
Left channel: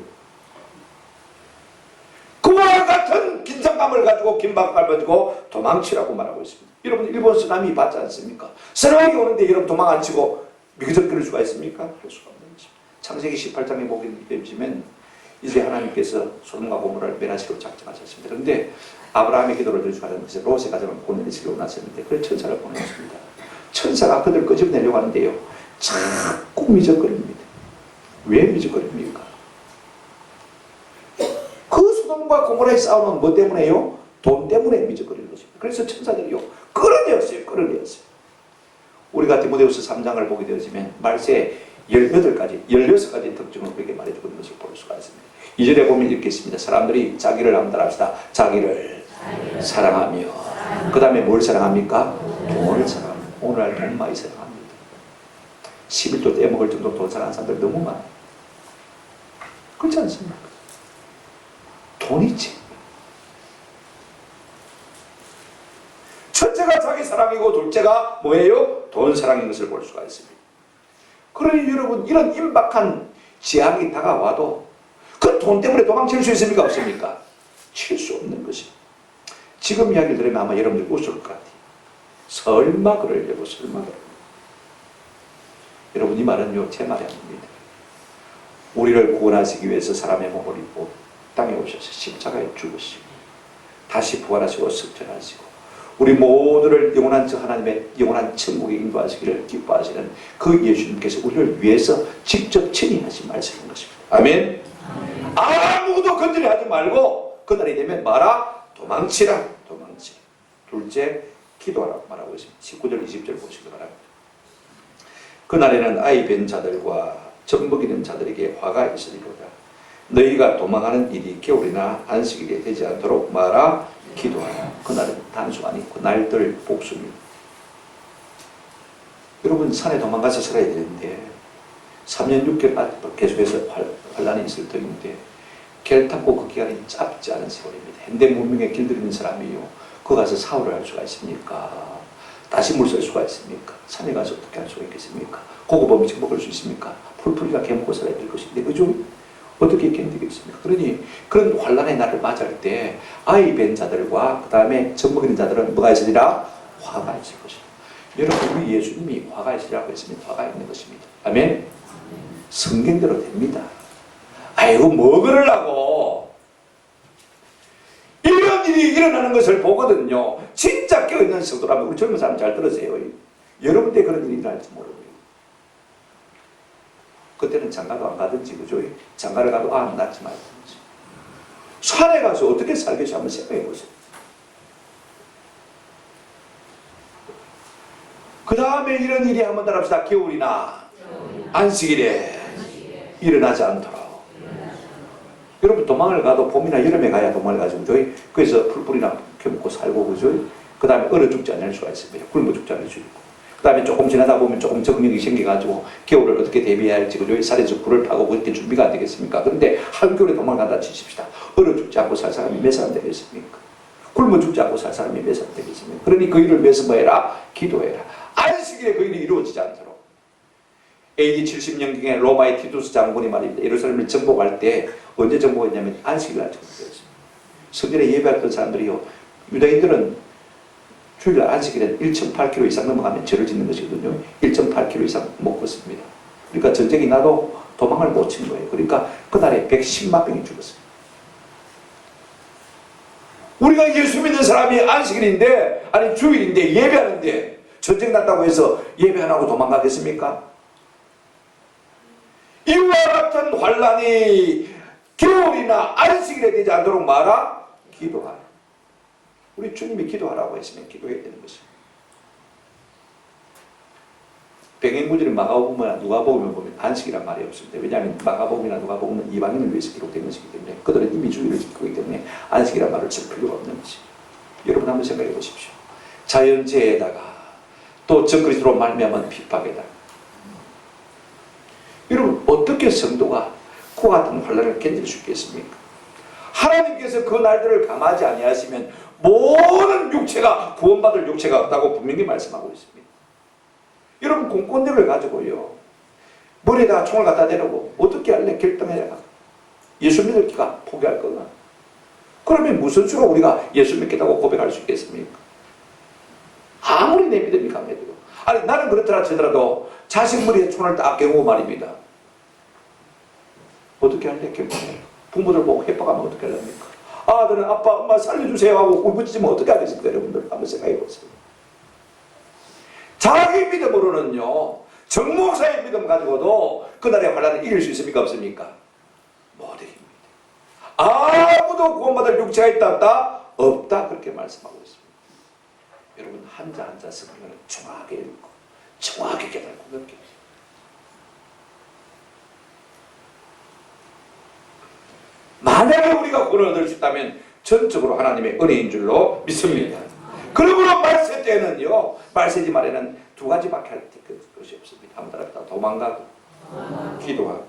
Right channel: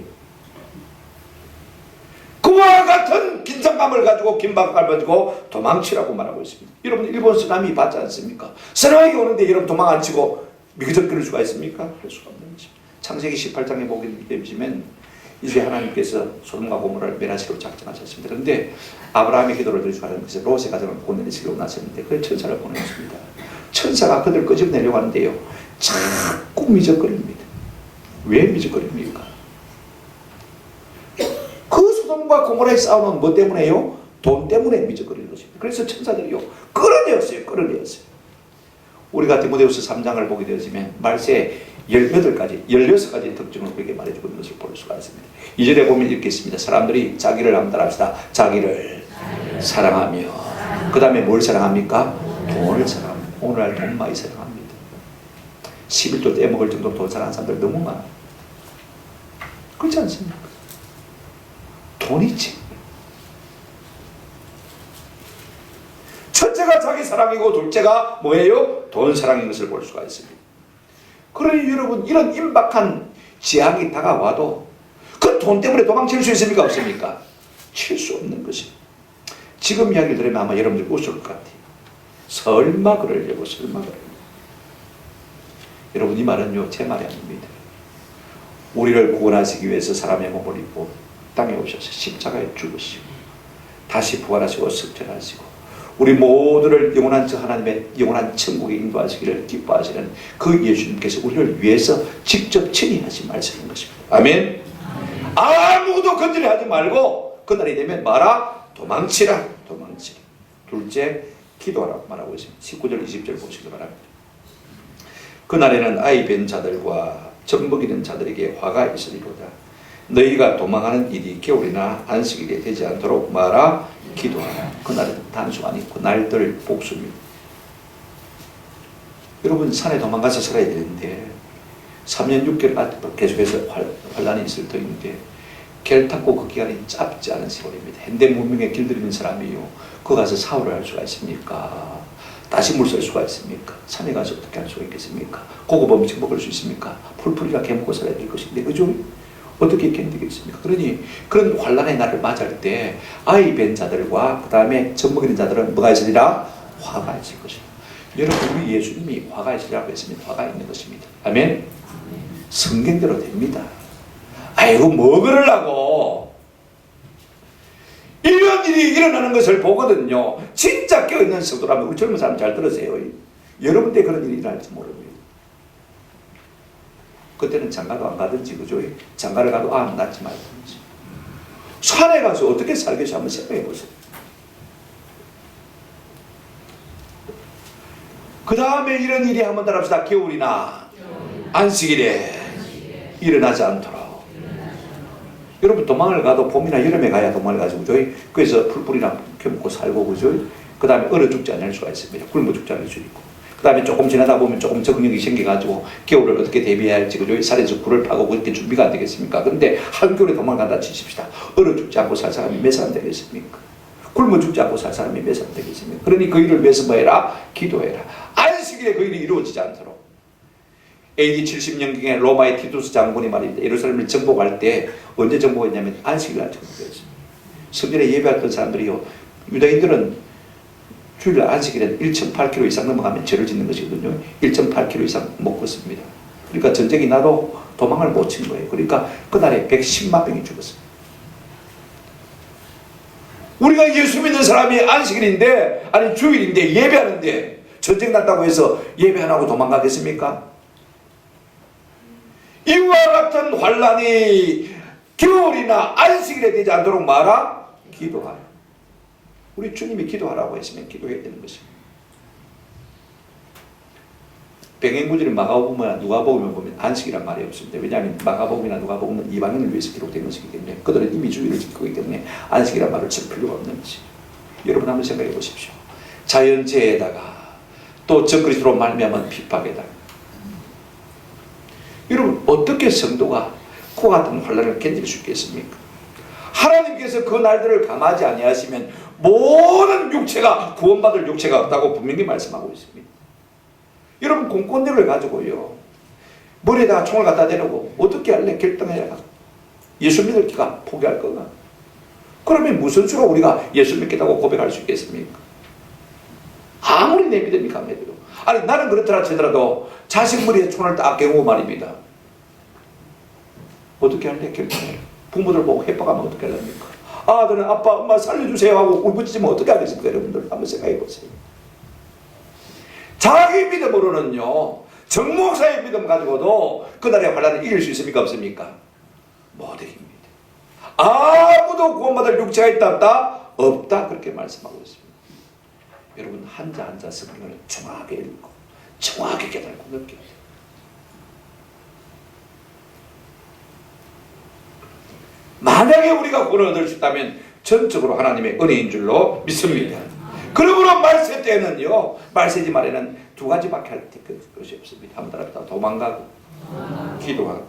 그와 같은 긴장감을 가지고 긴박감을 가지고 도망치라고 말하고 있습니다. 여러분 일본 쓰나미 봤지 않습니까? 쓰나미가 오는데 여러분 도망 안 치고 미그적거릴 수가 있습니까? 할 수가 없는 것입니다. 창세기 18장에 보게 되면 이제 하나님께서 소돔과 고모라를 멸하시기로 작정하셨습니다. 그런데 아브라함의 기도를 들으시고 하나님께서 롯의 가정을 보내시기로 나섰는데 그 천사를 보내셨습니다. 천사가 그들 끄집내려고 하는데요, 자꾸 미적거립니다. 왜 미적거립니까? 그 소돔과 고모라의 싸움은 뭐 때문에요? 돈 때문에 미적거리는 것입니다. 그래서 천사들이요, 끌어내었어요. 우리가 디모데후서 3장을 보게 되어지면 말세 16가지 특징을 우리에게 말해주고 있는 것을 볼 수가 있습니다. 2절에 보면 이렇게 있습니다. 사람들이 자기를 암달합시다. 자기를 사랑하며, 그 다음에 뭘 사랑합니까? 돈을 사랑합니다. 오늘날 돈 많이 사랑합니다. 11조 떼먹을 정도로 돈 사랑하는 사람들 너무 많아요. 그렇지 않습니까? 돈이지. 첫째가 자기 사랑이고 둘째가 뭐예요? 돈 사랑인 것을 볼 수가 있습니다. 그러니 여러분 이런 임박한 재앙이 다가와도 그 돈 때문에 도망칠 수 있습니까? 없습니까? 칠 수 없는 것입니다. 지금 이야기를 들으면 아마 여러분들 웃을 것 같아요. 설마 그러려고. 여러분 이 말은요 제 말이 아닙니다. 우리를 구원하시기 위해서 사람의 몸을 입고 땅에 오셔서 십자가에 죽으시고 다시 부활하시고 승천하시고 우리 모두를 영원한 하나님의 영원한 천국에 인도하시기를 기뻐하시는 그 예수님께서 우리를 위해서 직접 친히 하신 말씀인 것입니다. 아멘. 아무도 건드려 하지 말고 그날이 되면 말아 도망치라. 둘째 기도하라고 말하고 있습니다. 19절 20절 보시기 바랍니다. 그날에는 아이 뵌 자들과 젖 먹이는 자들에게 화가 있으리로다. 너희가 도망하는 일이 겨울이나 안식일에 되지 않도록 말아 기도하라. 그날은 단수가 아니고 날들 복수입니다. 여러분 산에 도망가서 살아야 되는데 3년 6개월 계속해서 환란이 있을 터인데 결탄고 그 기간이 짧지 않은 세월입니다. 현대 문명에 길들이는 사람이요, 거 가서 사업을 할 수가 있습니까? 다시 물 쓸 수가 있습니까? 산에 가서 어떻게 할 수가 있겠습니까? 고급 음식 먹을 수 있습니까? 풀풀이가 개먹고 살아야 될 것인데 그죠? 어떻게 견디겠습니까? 그러니 그런 환란의 날을 맞을 때 아이 뵌 자들과 그 다음에 젖 먹이는 자들은 뭐가 있으리라? 화가 있을 것이다. 여러분 우리 예수님이 화가 있으리라고 했으면 화가 있는 것입니다. 아멘? 성경대로 됩니다. 아이고 뭐 그러려고. 이런 일이 일어나는 것을 보거든요. 진짜 깨어있는 성도라면 우리 젊은 사람 잘 들으세요. 여러분 때 그런 일이 일어날지 모릅니다. 그때는 장가도 안 가든지 그죠? 장가를 가도 낳지 말든지 산에 가서 어떻게 살겠어 한번 생각해 보세요. 그 다음에 이런 일이 한번 따라합시다. 겨울이나 안식일에 일어나지 않도록. 여러분 도망을 가도 봄이나 여름에 가야 도망을 가지고 그죠? 그래서 풀뿌리나 켜먹고 살고 그죠? 그 다음에 얼어 죽지 않을 수가 있습니다. 굶어 죽지 않을 수 있고 그 다음에 조금 지나다 보면 조금 적응력이 생겨가지고 겨울을 어떻게 대비해야 할지, 그죠? 산에서 굴을 파고 그렇게 준비가 안 되겠습니까? 그런데 한겨울에 도망간다 치십시다. 얼어 죽지 않고 살 사람이 몇 사람 되겠습니까? 굶어 죽지 않고 살 사람이 몇 사람 되겠습니까? 그러니 그 일을 위해서 뭐 해라? 기도해라. 안식일에 그 일이 이루어지지 않도록. AD 70년경에 로마의 티투스 장군이 말입니다. 예루살렘을 정복할 때 언제 정복했냐면 안식일 날 정복했습니다. 성전에 예배했던 사람들이요, 유다인들은 주일 안식일에 1.8km 이상 넘어가면 죄를 짓는 것이거든요. 1.8km 이상 못 걷습니다. 그러니까 전쟁이 나도 도망을 못 친 거예요. 그러니까 그날에 110만 명이 죽었어요. 우리가 예수 믿는 사람이 안식일인데, 아니 주일인데 예배하는데 전쟁 났다고 해서 예배 안 하고 도망가겠습니까? 이와 같은 환란이 겨울이나 안식일에 되지 않도록 말아 기도하라. 우리 주님이 기도하라고 했으면 기도해야 되는 것입니다. 병행구절인 마가복음이나 누가복음을 보면 안식이란 말이 없습니다. 왜냐하면 마가복음이나 누가복음은 이방인을 위해서 기록된 것이기 때문에 그들은 이미 주일을 지키고 있기 때문에 안식이란 말을 쓸 필요가 없는 것이죠. 여러분 한번 생각해 보십시오. 자연재해에다가 또 적그리스도로 말미암은 핍박에다가 여러분 어떻게 성도가 그와 같은 환난을 견딜 수 있겠습니까? 하나님께서 그 날들을 감하지 아니하시면 모든 육체가 구원받을 육체가 없다고 분명히 말씀하고 있습니다. 여러분 공권력을 가지고요 머리에다가 총을 갖다 대려고 어떻게 할래 결정해야 예수 믿을 기가 포기할 거가? 그러면 무슨 수로 우리가 예수 믿겠다고 고백할 수 있겠습니까? 아무리 내 믿음이 강해도 아니 나는 그렇더라 치더라도 자식 머리에 총을 딱 겨누고 말입니다. 어떻게 할래 결정해라. 부모들 보고 협박하면 어떻게 하렵니까? 아들은 아빠 엄마 살려주세요 하고 울부짖으면 어떻게 하겠습니까? 여러분들 한번 생각해 보세요. 자기 믿음으로는요 정목사의 믿음 가지고도 그날의 환난을 이길 수 있습니까? 없습니까? 못 이깁니다. 아무도 구원받을 육체가 있다 없다? 없다 그렇게 말씀하고 있습니다. 여러분 한자 한자 성경을 정확하게 읽고 정확하게 깨닫고 느껴요. 만약에 우리가 구원을 얻을 수 있다면 전적으로 하나님의 은혜인 줄로 믿습니다. 그러므로 말세 때는요 말세지 말에는 두 가지밖에 할 것이 없습니다. 한번 따라합시다. 도망가고 기도하고.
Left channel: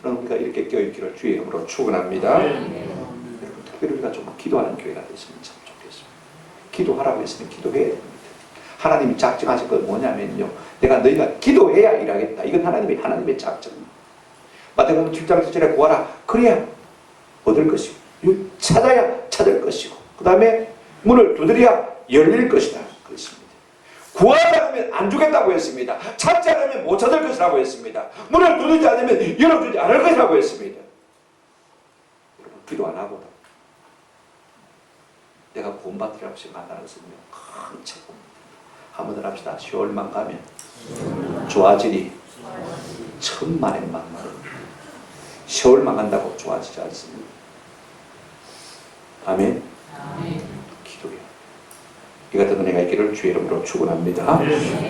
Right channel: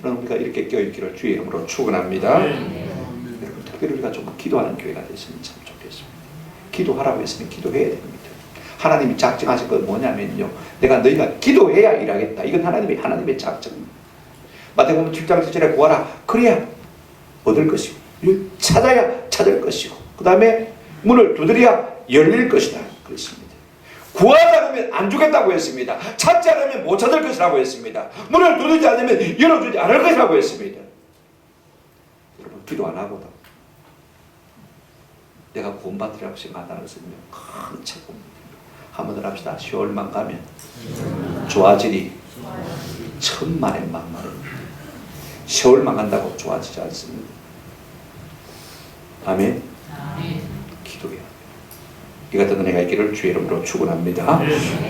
저는 우리가 이렇게 깨어있기를 주의 이름으로 축원합니다. 여러분 특별히 우리가 좀 기도하는 교회가 됐으면 참 좋겠습니다. 기도하라고 했으면 기도해야 됩니다. 하나님이 작정하신 건 뭐냐면요 내가 너희가 기도해야 일하겠다. 이건 하나님의 작정입니다. 마태복음 7장 7절에 구하라 그래야 얻을 것이고 찾아야 찾을 것이고 그 다음에 문을 두드려야 열릴 것이다 그랬습니다. 구하지 않으면 안 주겠다고 했습니다. 찾지 않으면 못 찾을 것이라고 했습니다. 문을 두드리지 않으면 열어주지 않을 것이라고 했습니다. 여러분 기도 안 하고도 내가 구원받으리라고 생각한다는 것은 큰 착오입니다. 한번 더 합시다. 10월만 가면 좋아지리 천만의 만만입니다. 10월만 간다고 좋아지지 않습니다. 아멘. 기도해요. 이 같은 은혜가 있기를 주의 이름으로 축원합니다.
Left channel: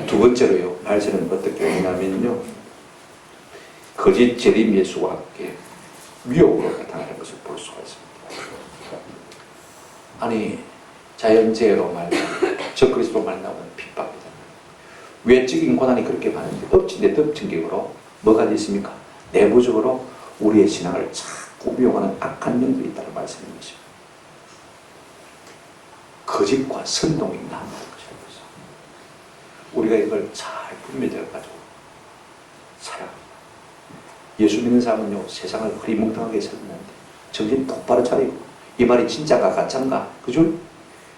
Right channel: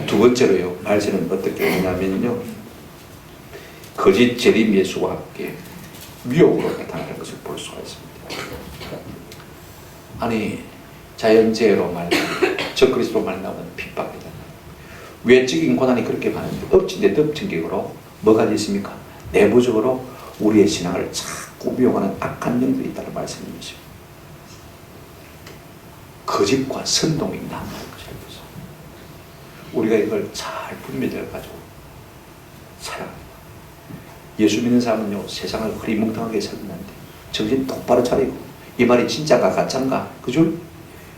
두 번째로요. 말세는 어떻게 오냐면요. 거짓 재림 예수와 함께 위협으로 나타나는 것을 볼 수가 있습니다. 아니 자연재해로 말하면 적그리스도로 말하면 핍박이다. 외적인 고난이 그렇게 많은데 엎친 데 덮친 격으로 뭐가 있습니까? 내부적으로 우리의 신앙을 자꾸 미혹하는 악한 영들이 있다는 말씀인 것입니다. 거짓과 선동이 난다는 것을 알고 있습니다. 우리가 이걸 잘 분별해가지고 살아갑니다. 예수 믿는 사람은요 세상을 흐리멍텅하게 살았는데 정신 똑바로 차리고 이 말이 진짜가 가짜인가 그죠?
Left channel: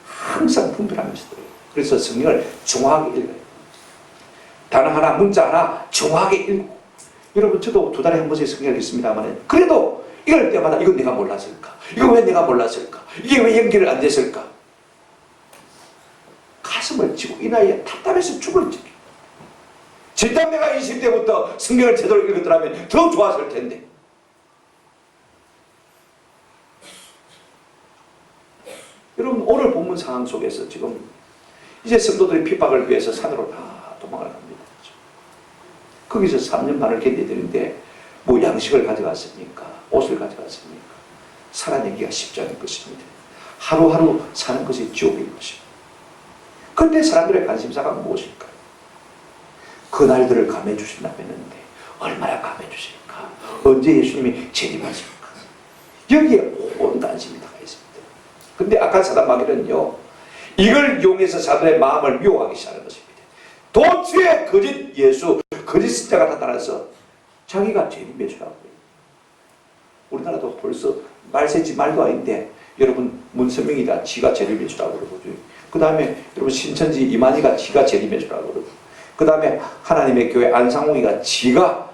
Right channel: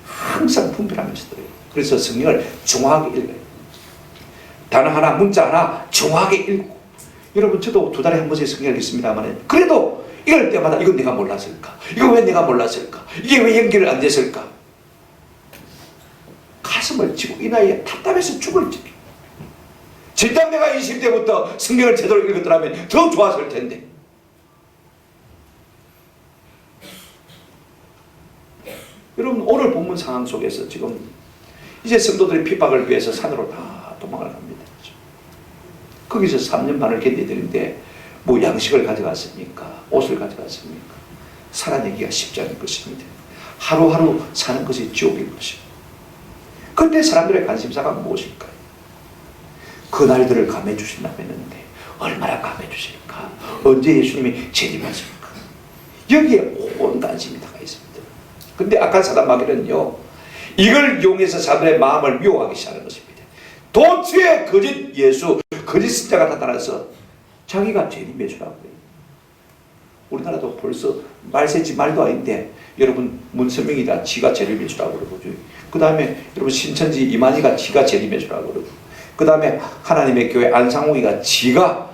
항상 분별하면서 들어요. 그래서 성경을 정확하게 읽어요. 단어 하나 문자 하나 정확하게 읽고 여러분 저도 2달에 한 번씩 성경을 읽습니다만 그래도 이럴 때마다 이건 내가 몰랐을까? 이거 왜 내가 몰랐을까? 이게 왜 연결을 안 됐을까? 가슴을 치고 이 나이에 답답해서 죽을 지경. 진작 내가 20대부터 성경을 제대로 읽었더라면 더 좋았을 텐데. 여러분 오늘 본문 상황 속에서 지금 이제 성도들의 핍박을 위해서 산으로 다 도망을 갑니다. 거기서 3년 반을 견디드는데 뭐 양식을 가져갔습니까? 옷을 가져갔습니까? 살아내기가 쉽지 않을 것입니다. 하루하루 사는 것이 지옥일 것입니다. 근데 사람들의 관심사가 무엇일까요? 그 날들을 감해 주신다고 했는데 얼마나 감해 주실까? 언제 예수님이 재림하실까? 여기에 온 관심이 다가 있습니다. 근데 악한 사단 마귀는요, 이걸 이용해서 사람들의 마음을 미워하기 시작하는 것입니다. 도처에 거짓 예수, 거짓 신자가 나타나서 자기가 재림 예수라고 해요. 우리나라도 벌써 말세지 말도 아닌데 여러분 문선명이다 지가 재림 예수라고 그러고, 그 다음에 여러분 신천지 이만희가 지가 재림 예수라고 그러고, 그 다음에 하나님의 교회 안상홍이가 지가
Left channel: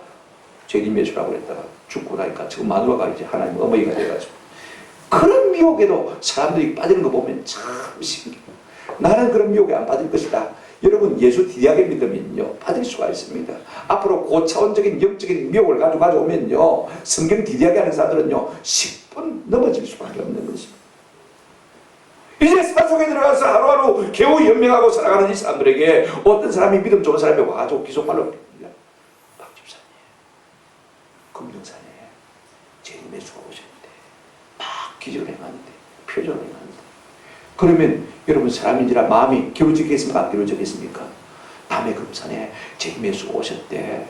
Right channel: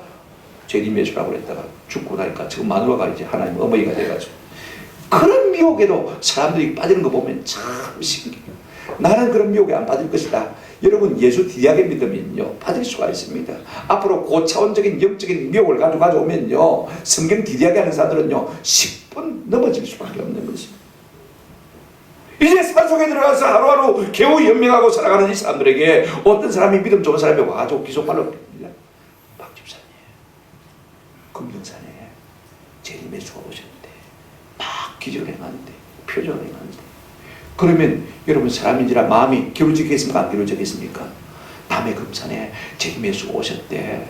재림 예수라고 그랬다가 죽고 나니까 지금 마누라가 이제 하나님 어머니가 돼가지고, 그런 미혹에도 사람들이 빠지는 거 보면 참 신기해요. 나는 그런 미혹에 안 빠질 것이다. 여러분 예수 디디하게 믿으면요 빠질 수가 있습니다. 앞으로 고차원적인 영적인 미혹을 가져오면요 성경 디디하게 하는 사람들은요 10분 넘어질 수밖에 없는 것입니다. 이제 산속에 들어가서 하루하루 겨우 연명하고 살아가는 이 사람들에게 어떤 사람이 믿음 좋은 사람이 와가지고 기속말로 박 집사님 금정산에 재림의 수가 오셨는데 막 기적을 행하는데 표정을 행하는데, 그러면 여러분 사람인지라 마음이 기울어지겠습니까? 안 기울어지겠습니까? 남의 금산에 재림의 수가 오셨대.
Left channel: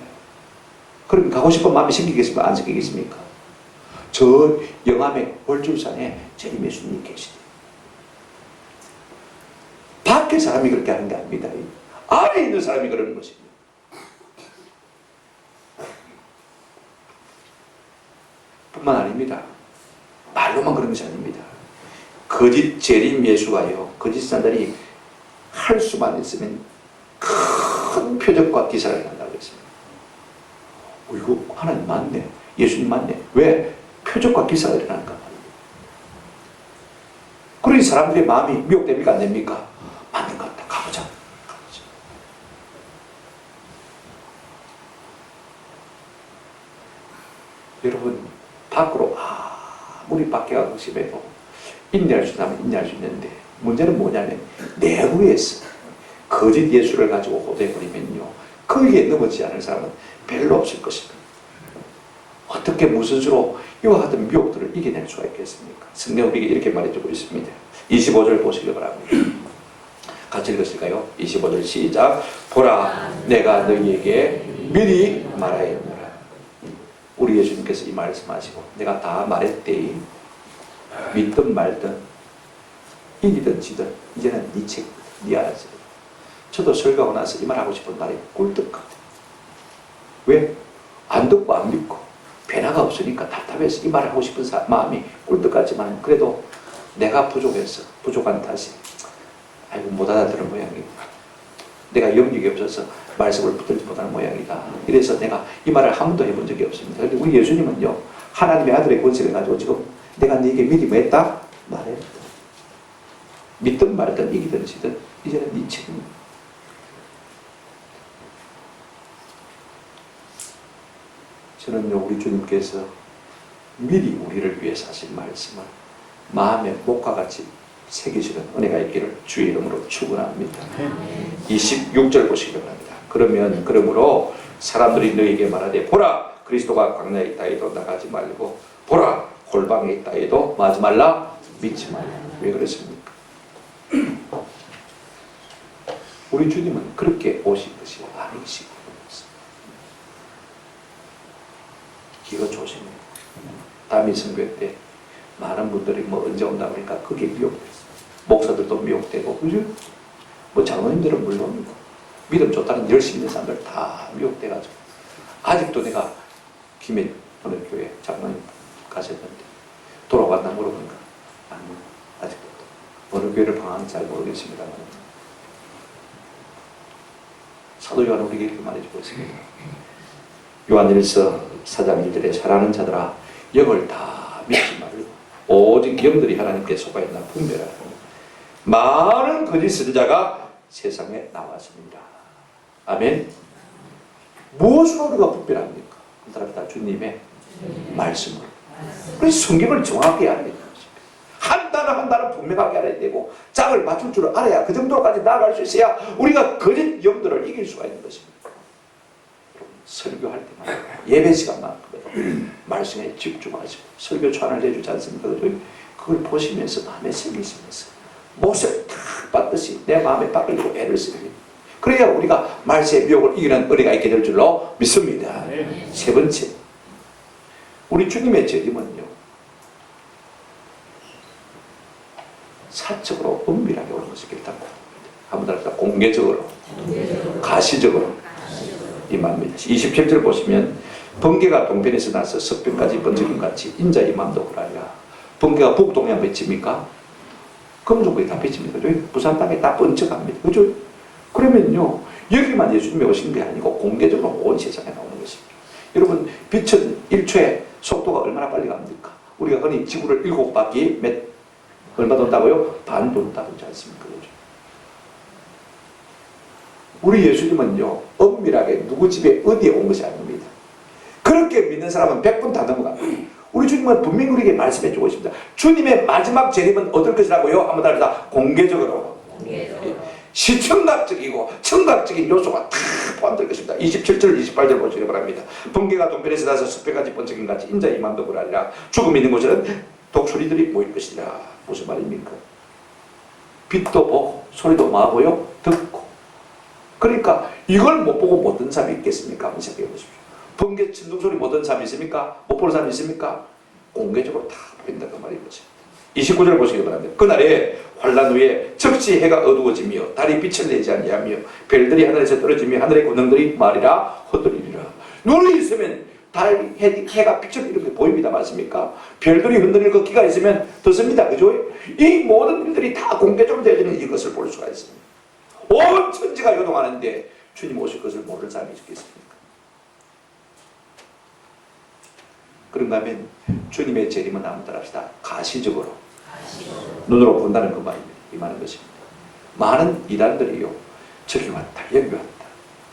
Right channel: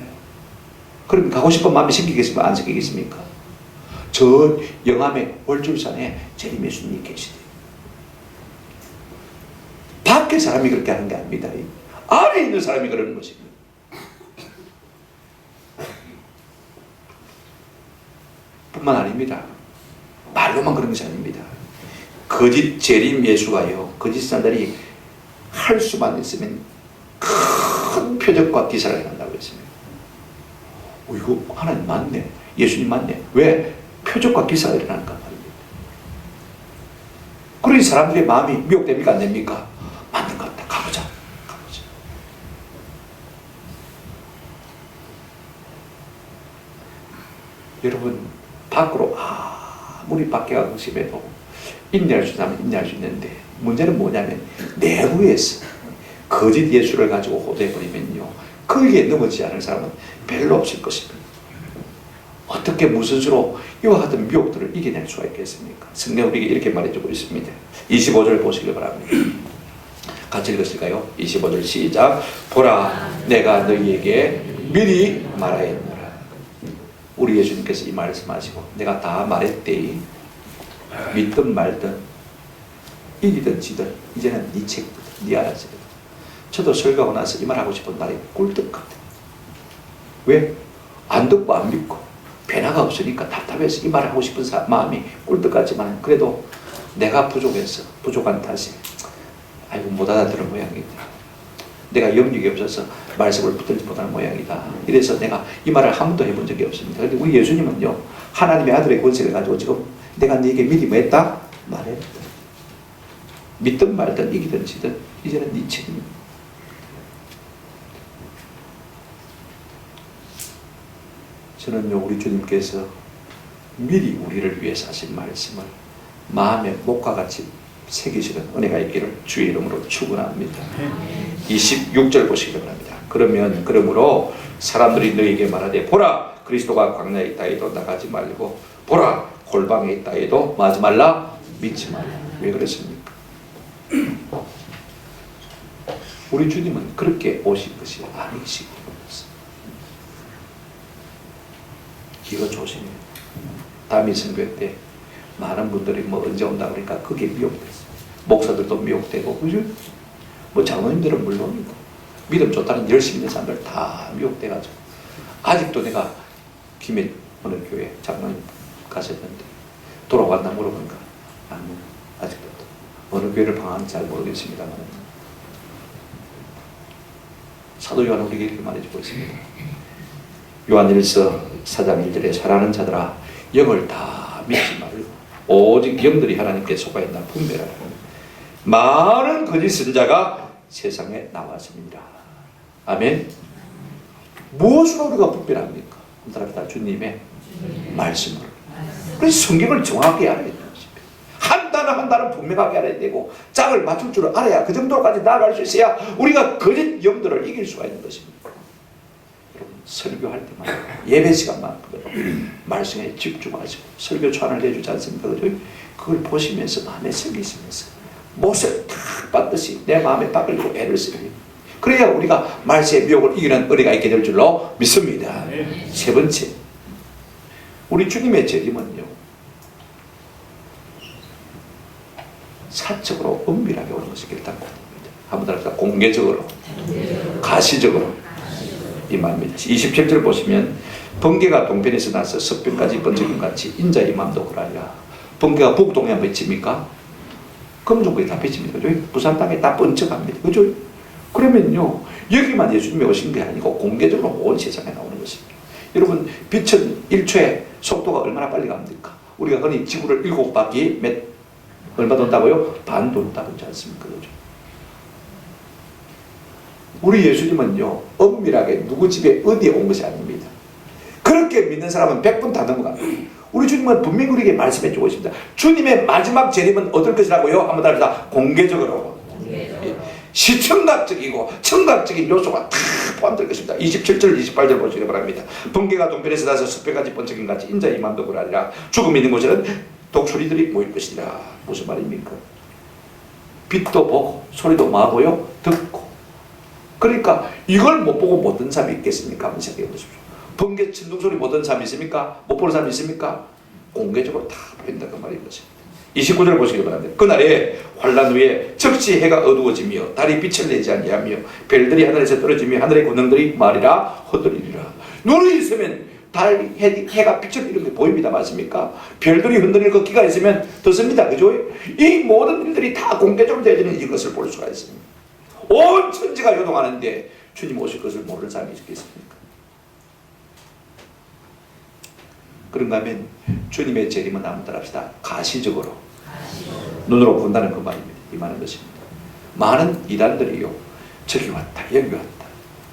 그럼 가고 싶은 마음이 생기겠습니까? 안 생기겠습니까? 저 영암의 월줄산에 재림의 수님이 계시대. 밖에 사람이 그렇게 하는 게 아닙니다. 안에 있는 사람이 그러는 것입니다. 뿐만 아닙니다. 말로만 그런 것이 아닙니다. 거짓 재림 예수가요, 거짓 사람들이 할 수만 있으면 큰 표적과 기사를 한다고 했습니다. 이거 하나님 맞네, 예수님 맞네. 왜? 표적과 기사가 일어나니까 말입니다. 그러니 사람들의 마음이 미혹됩니까? 안 됩니까? 맞는 것 같다. 가보자. 여러분 밖으로 아무리 밖에 가고 싶어도 인내할 수 있다면 인내할 수 있는데, 문제는 뭐냐면 내부에서 거짓 예수를 가지고 호도해버리면요 거기에 넘어지지 않을 사람은 별로 없을 것입니다. 어떻게 무슨 수로 이와 같은 미혹들을 이겨낼 수가 있겠습니까? 성경 우리에게 이렇게 말해주고 있습니다. 25절 보시기 바랍니다. 같이 읽었을까요? 25절 시작. 보라 내가 너희에게 미리 말하였노라. 우리 예수님께서 이 말씀하시고 내가 다 말했대이. 믿든 말든 이기든 지든 이제는 네 책이거든, 네 알아서. 저도 설교하고 나서 이 말 하고 싶은 말이 꿀떡 같아요. 왜? 안 듣고 안 믿고 변화가 없으니까 답답해서 이 말을 하고 싶은 마음이 꿀떡 같지만, 그래도 내가 부족해서 부족한 탓에 아이고 못 알아들은 모양이다, 내가 영역이 없어서 말씀을 붙들지 못하는 모양이다, 이래서 내가 이 말을 한 번도 해본 적이 없습니다. 그런데 우리 예수님은요 하나님의 아들의 권세를 가지고 지금 내가 네게 미리 뭐 했다? 말했다. 믿든 말든 이기든 지든 이제는 네 책임이다. 저는요 우리 주님께서 미리 우리를 위해서 하신 말씀을 마음에 목과 같이 새기시는 은혜가 있기를 주의 이름으로 축원합니다. 26절 보시기 바랍니다. 그러므로 사람들이 너에게 말하되 보라 그리스도가 광야에 있다 해도 나가지 말고, 보라 골방에 있다 해도 마지 말라, 믿지 말라. 왜 그랬습니까? 우리 주님은 그렇게 오신 것이 아니시고, 이거 조심해요. 다미 선교 때 많은 분들이 뭐 언제 온다 그러니까 그게 미혹됐어요. 목사들도 미혹되고, 그죠? 뭐 장로님들은 물론이고, 믿음 좋다는 열심히 있는 사람들 다 미혹돼가지고, 아직도 내가 김해 어느 교회 장로님 가셨는데 돌아왔나 물어보니까 아직도 어느 교회를 방황하는지 잘 모르겠습니다만, 사도 요한은 우리에게 이렇게 말해주고 있습니다. 요한일서 4장 1절에 사랑하는 자들아 영을 다 믿지 말고 오직 영들이 하나님께 속하였나 분별하라. 많은 거짓 선자가 세상에 나왔습니다. 아멘. 무엇으로 우리가 분별합니까? 한 사람이 다 주님의 말씀으로. 그래서 성경을 정확하게 알아야 되는 것입니다. 한 단어 분명하게 알아야 되고 짝을 맞출 줄 알아야, 그 정도까지 나아갈 수 있어야 우리가 거짓 영들을 이길 수가 있는 것입니다. 여러분 설교할 때마다 예배 시간만큼은 말씀에 집중하시고 설교传을 해주지 않습니까? 그걸 보시면서 마음에 새기시면서 못을 탁 받듯이 내 마음에 박으려고 애를 써요. 그래야 우리가 말세의 미혹을 이기는 은혜가 있게 될 줄로 믿습니다. 세 번째, 우리 주님의 재림은요, 사적으로 은밀하게 오는 것이 결단코 아닙니다. 한번 더 합시다. 공개적으로, 가시적으로 이 말입니다. 27절 보시면 번개가 동편에서 나서 서편까지 번쩍임 같이 인자의 마음도 그러하리라. 번개가 북동에 한번 비칩니까? 금종국에 다 비칩니다. 그죠? 부산 땅에 다 번쩍합니다. 그죠? 그러면요, 여기만 예수님이 오신 게 아니고 공개적으로 온 세상에 나오는 것입니다. 여러분, 빛은 1초에 속도가 얼마나 빨리 갑니까? 우리가 흔히 지구를 7바퀴 얼마 돈다고요? 반 돈다고 하지 않습니까? 그죠? 우리 예수님은요, 엄밀하게 누구 집에 어디에 온 것이 아닙니다. 그렇게 믿는 사람은 100분 다 넘어갑니다. 우리 주님은 분명히 우리에게 말씀해 주고 있습니다. 주님의 마지막 재림은 어떨 것이라고요? 한번 더 합시다. 공개적으로. 시청각적이고 청각적인 요소가 다 포함될 것입니다. 27절 28절 보시기 바랍니다. 번개가 동편에서 나서 숲에까지 번쩍임 같이 인자의 마음도 그러하리라. 죽음이 있는 곳에는 독수리들이 모일 것이라. 무슨 말입니까? 빛도 보고 소리도 마고요 듣고. 그러니까 이걸 못 보고 못 듣는 사람이 있겠습니까? 한번 생각해 보십시오. 번개 천둥소리 못 듣는 사람이 있습니까? 못 보는 사람이 있습니까? 공개적으로 다 보인다 그 말인 것입니다. 29절 보시기 바랍니다. 그날에 환란 후에 즉시 해가 어두워지며 달이 빛을 내지 아니하며 별들이 하늘에서 떨어지며 하늘의 권능들이 말이라 흔들리리라. 눈이 있으면 달, 해가 빛을 이렇게 보입니다. 맞습니까? 별들이 흔들리는 그 기가 있으면 떴습니다. 그죠? 이 모든 일들이 다 공개적으로 되어지는 이것을 볼 수가 있습니다. 온 천지가 요동하는데 주님 오실 것을 모르는 사람이 있겠습니까? 그런가 하면 주님의 재림은 한번 따라합시다. 가시적으로 눈으로 본다는 그 말입니다. 이 말은 것입니다. 많은 이단들이요, 저기 왔다 여기 왔다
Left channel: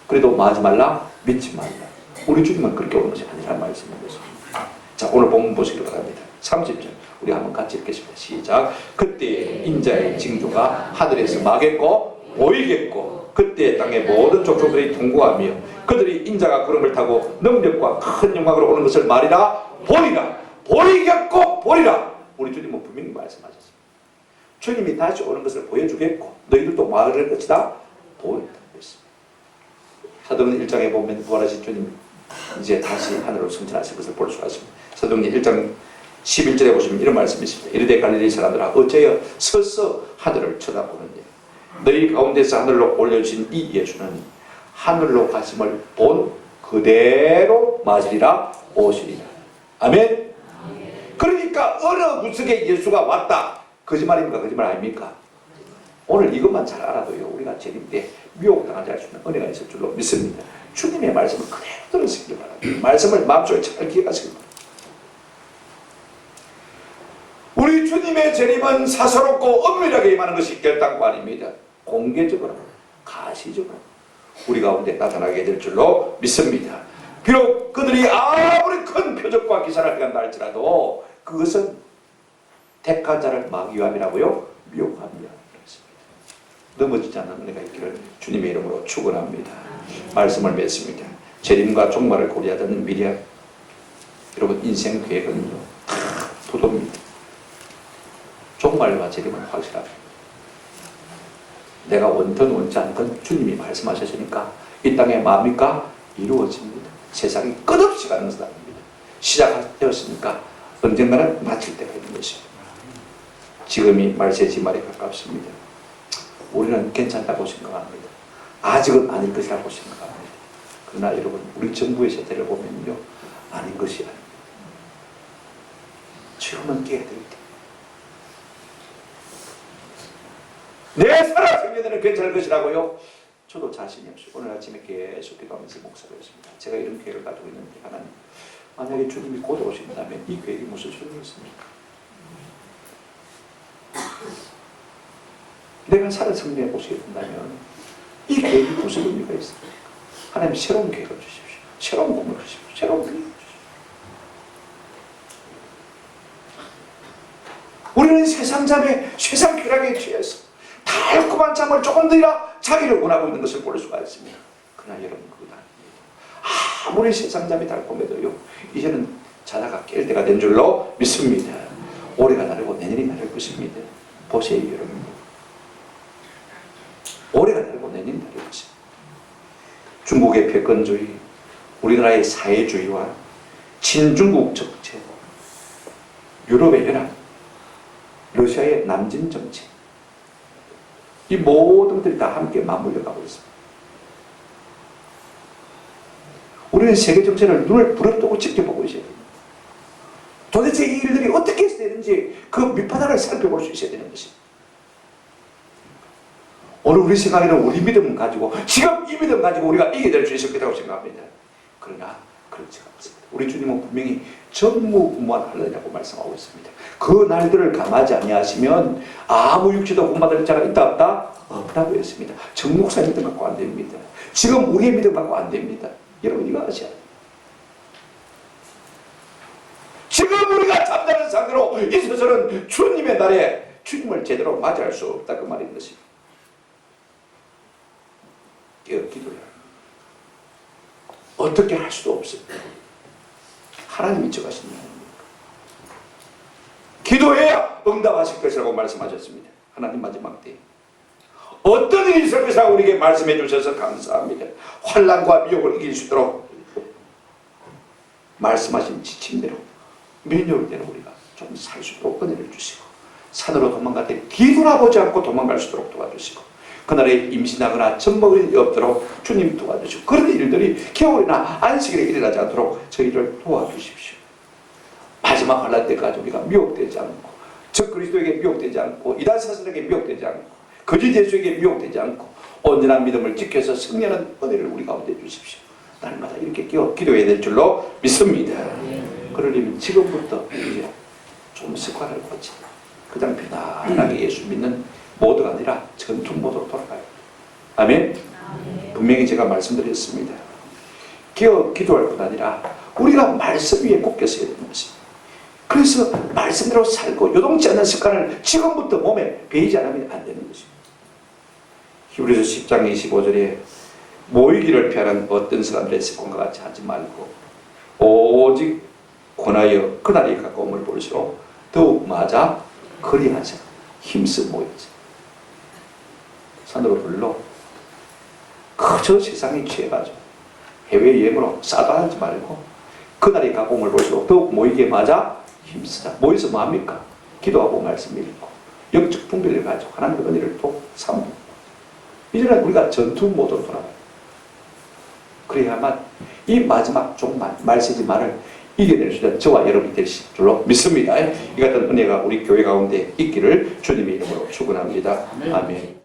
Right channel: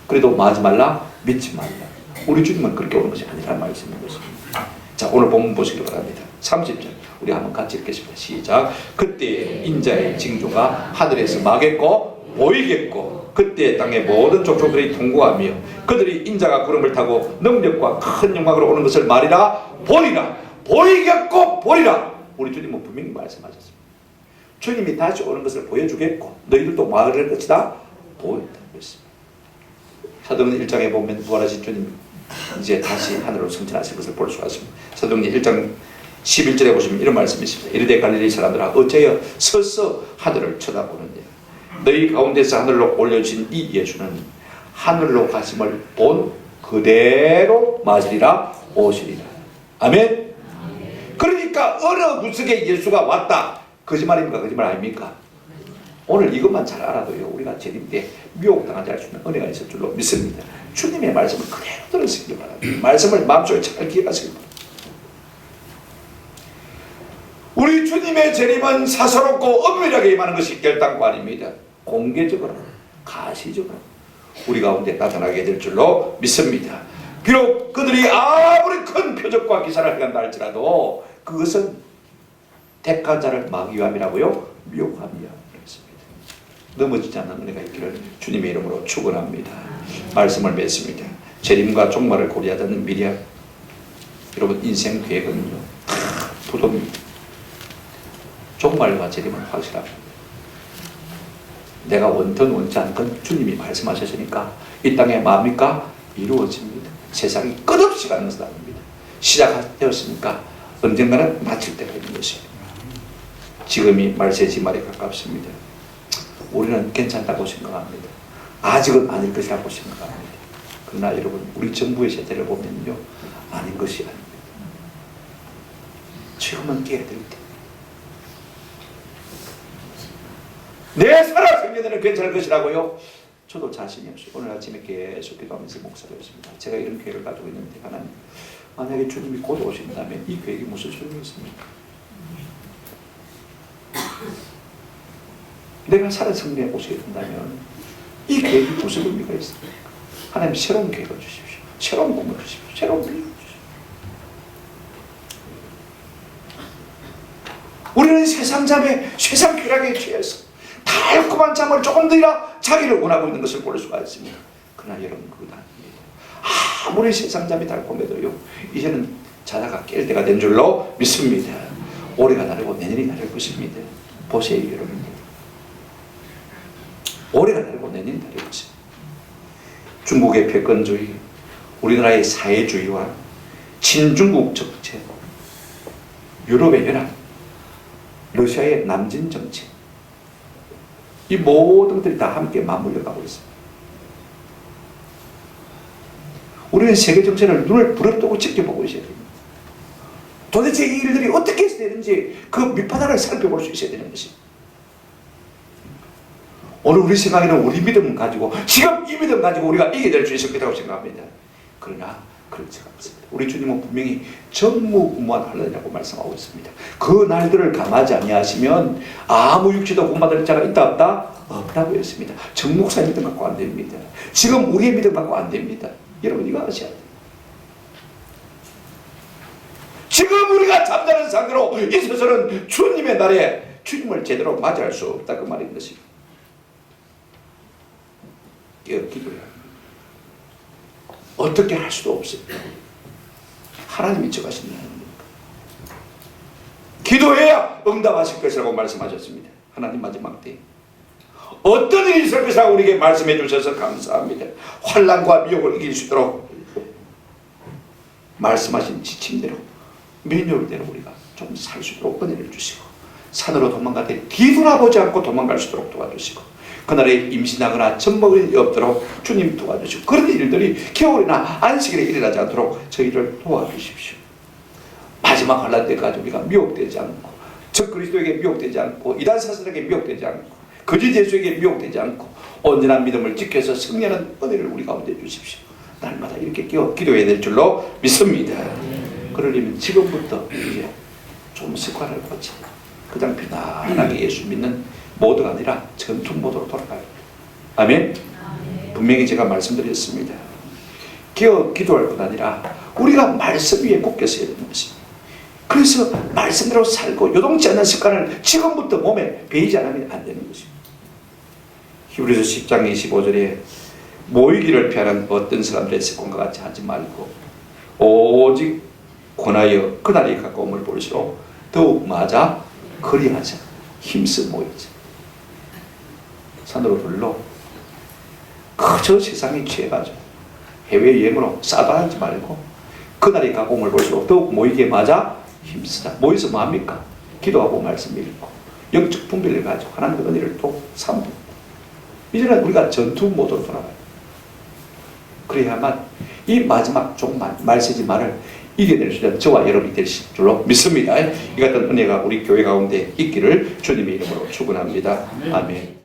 그래도 마지 말라 믿지 말라. 우리 주님은 그렇게 오는 것이 아니라는 말씀인 것입니다. 자, 오늘 본문 보시기 바랍니다. 30절 우리 한번 같이 읽겠습니다. 시작. 그때 인자의 징조가 하늘에서 마겠고 보이겠고 그때 땅의 모든 족속들이 통곡하며 그들이 인자가 구름을 타고 능력과 큰 영광으로 오는 것을 말이라 보리라. 보이겠고 보리라. 우리 주님은 분명히 말씀하셨습니다. 주님이 다시 오는 것을 보여주겠고 너희들도 말할 것이다 보인다고 했습니다. 사도행전 1장에 보면 부활하신 주님이 이제 다시 하늘로 승천하실 것을 볼 수가 있습니다. 사도행전 1장 11절에 보시면 이런 말씀이 있습니다. 이르되 갈릴리 사람들아 어째여 서서 하늘을 쳐다보느냐. 너희 가운데서 하늘로 올려주신 이 예수는 하늘로 가심을 본 그대로 맞으리라 오시리라. 아멘. 그러니까 어느 구석에 예수가 왔다. 거짓말입니까? 거짓말 아닙니까? 오늘 이것만 잘 알아도요, 우리가 재림 때 미혹당하지 않을 수 있는 은혜가 있을 줄로 믿습니다. 주님의 말씀을 그대로 들으시길 바랍니다. 말씀을 마음속에 잘 기억하시길 바랍니다. 우리 주님의 재림은 사사롭고 엄밀하게 임하는 것이 결단코 아닙니다. 공개적으로, 가시적으로 우리 가운데 나타나게 될 줄로 믿습니다. 비록 그들이 아무리 큰 표적과 기사를 행한다 할지라도 그것은 택한 자를 막기 위함이라고요? 미혹함이야. 그렇습니다. 넘어지지 않는 은혜가 있기를 주님의 이름으로 축원합니다. 말씀을 맺습니다. 재림과 종말을 고려하던 미리암, 여러분 인생 계획은요 다 부도입니다. 종말과 재림은 확실합니다. 내가 원든 원치 않든 주님이 말씀하셨으니까 이 땅에 마음이니까 이루어집니다. 세상이 끝없이 가는 것은 아닙니다. 시작되었으니까 언젠가는 마칠 때가 있는 것입니다. 지금이 말세 지말에 가깝습니다. 우리는 괜찮다고 생각합니다. 아직은 아닐 것이라고 생각합니다. 그러나 여러분 우리 정부의 세태를 보면요 아닌 것이 아닙니다. 지금은 깨야 될 때. 내 살아 생전에는 괜찮을 것이라고요? 저도 자신이 없어요. 오늘 아침에 계속 기도하면서 목사였습니다. 제가 이런 계획을 가지고 있는데 하나님, 만약에 주님이 곧 오신다면 이 계획이 무슨 소용이 있습니까? 내가 살아 승리해 보시게 된다면 이 계획이 무슨 의미가 있습니까? 하나님 새로운 계획을 주십시오. 새로운 꿈을 주십시오. 새로운 비전을 주십시오. 우리는 세상 잠에 세상 쾌락에 취해서 달콤한 잠을 조금 더이라 자기를 원하고 있는 것을 볼 수가 있습니다. 그러나 여러분 그것 아닙니다. 아무리 세상 잠이 달콤해도요 이제는 자다가 깰 때가 된 줄로 믿습니다. 올해가 다르고 내년이 다를 것입니다. 보세요 여러분. 올해가 달고 내년 달이 오죠. 중국의 패권주의, 우리나라의 사회주의와 친중국 정책, 유럽의 연합, 러시아의 남진 정책, 이 모든 것들이 다 함께 맞물려 가고 있습니다. 우리는 세계 정세를 눈을 부릅뜨고 지켜보고 있어야 됩니다. 도대체 이 일들이 어떻게 해서 되는지 그 밑바닥을 살펴볼 수 있어야 되는 것입니다. 오늘 우리 생각에는 우리 믿음 가지고 지금 이 믿음 가지고 우리가 이겨낼 수 있을 거라고 생각합니다. 그러나 그렇지가 않습니다. 우리 주님은 분명히 전무후무한 환난이라고 말씀하고 있습니다. 그 날들을 감하지 아니하시면 아무 육체도 구원받을 자가 있다 없다? 없다고 했습니다. 정 목사의 믿음 갖고 안 됩니다. 지금 우리의 믿음 갖고 안 됩니다. 여러분 이거 아셔야 돼요. 지금 우리가 잠자는 상태로 있어서는 주님의 날에 주님을 제대로 맞이할 수 없다 그 말인 것입니다. 기도해야 합니다. 어떻게 할 수도 없습니다. 하나님이 정하신 하나님입니까? 기도해야 응답하실 것이라고 말씀하셨습니다. 하나님 마지막 때 어떤 일이 있을 것이라고 우리에게 말씀해 주셔서 감사합니다. 환난과 미혹을 이길 수 있도록 말씀하신 지침대로 매뉴얼대로 우리가 좀 살 수 있도록 은혜를 주시고 산으로 도망갈 때 뒤돌아보지 않고 도망갈 수 있도록 도와주시고 그날에 임신하거나 젖먹을 일이 없도록 주님 도와주시고 그런 일들이 겨울이나 안식일에 일어나지 않도록 저희를 도와주십시오. 마지막 환난 때까지 우리가 미혹되지 않고 적그리스도에게 미혹되지 않고 이단 사슬에게 미혹되지 않고 거짓 예수에게 미혹되지 않고 온전한 믿음을 지켜서 승리하는 은혜를 우리 가운데 주십시오. 날마다 이렇게 기도해야 될 줄로 믿습니다. 그러려면 지금부터 이제 좀 습관을 고치 그냥 편안하게 예수 믿는 모드가 아니라 전투 모드로 돌아가야 합니다. 아멘? 분명히 제가 말씀드렸습니다. 기도할 뿐 아니라 우리가 말씀 위에 굳게 서야 되는 것입니다. 그래서 말씀대로 살고 요동치 않는 습관을 지금부터 몸에 배이지 않으면 안 되는 것입니다. 히브리서 10장 25절에 모이기를 피하는 어떤 사람들의 습관과 같이 하지 말고 오직 권하여 그날이 가까움을 볼수록 더욱 맞아 그리하자 힘써 모이자. 산으로 불러 그저 세상에 취해가지고 해외여행으로 싸다하지 말고 그날이 가까움을 볼수록 더욱 모이기에 맞아 힘쓰자. 모여서 뭐합니까? 기도하고 말씀 읽고 영적 분별을 가지고 하나님의 은혜를 또 삼고 이제는 우리가 전투 모드로 돌아가요. 그래야만 이 마지막 종말 말세지말을 이겨낼 수 있는 저와 여러분이 되실 줄로 믿습니다. 이 같은 은혜가 우리 교회 가운데 있기를 주님의 이름으로 축원합니다. 아멘.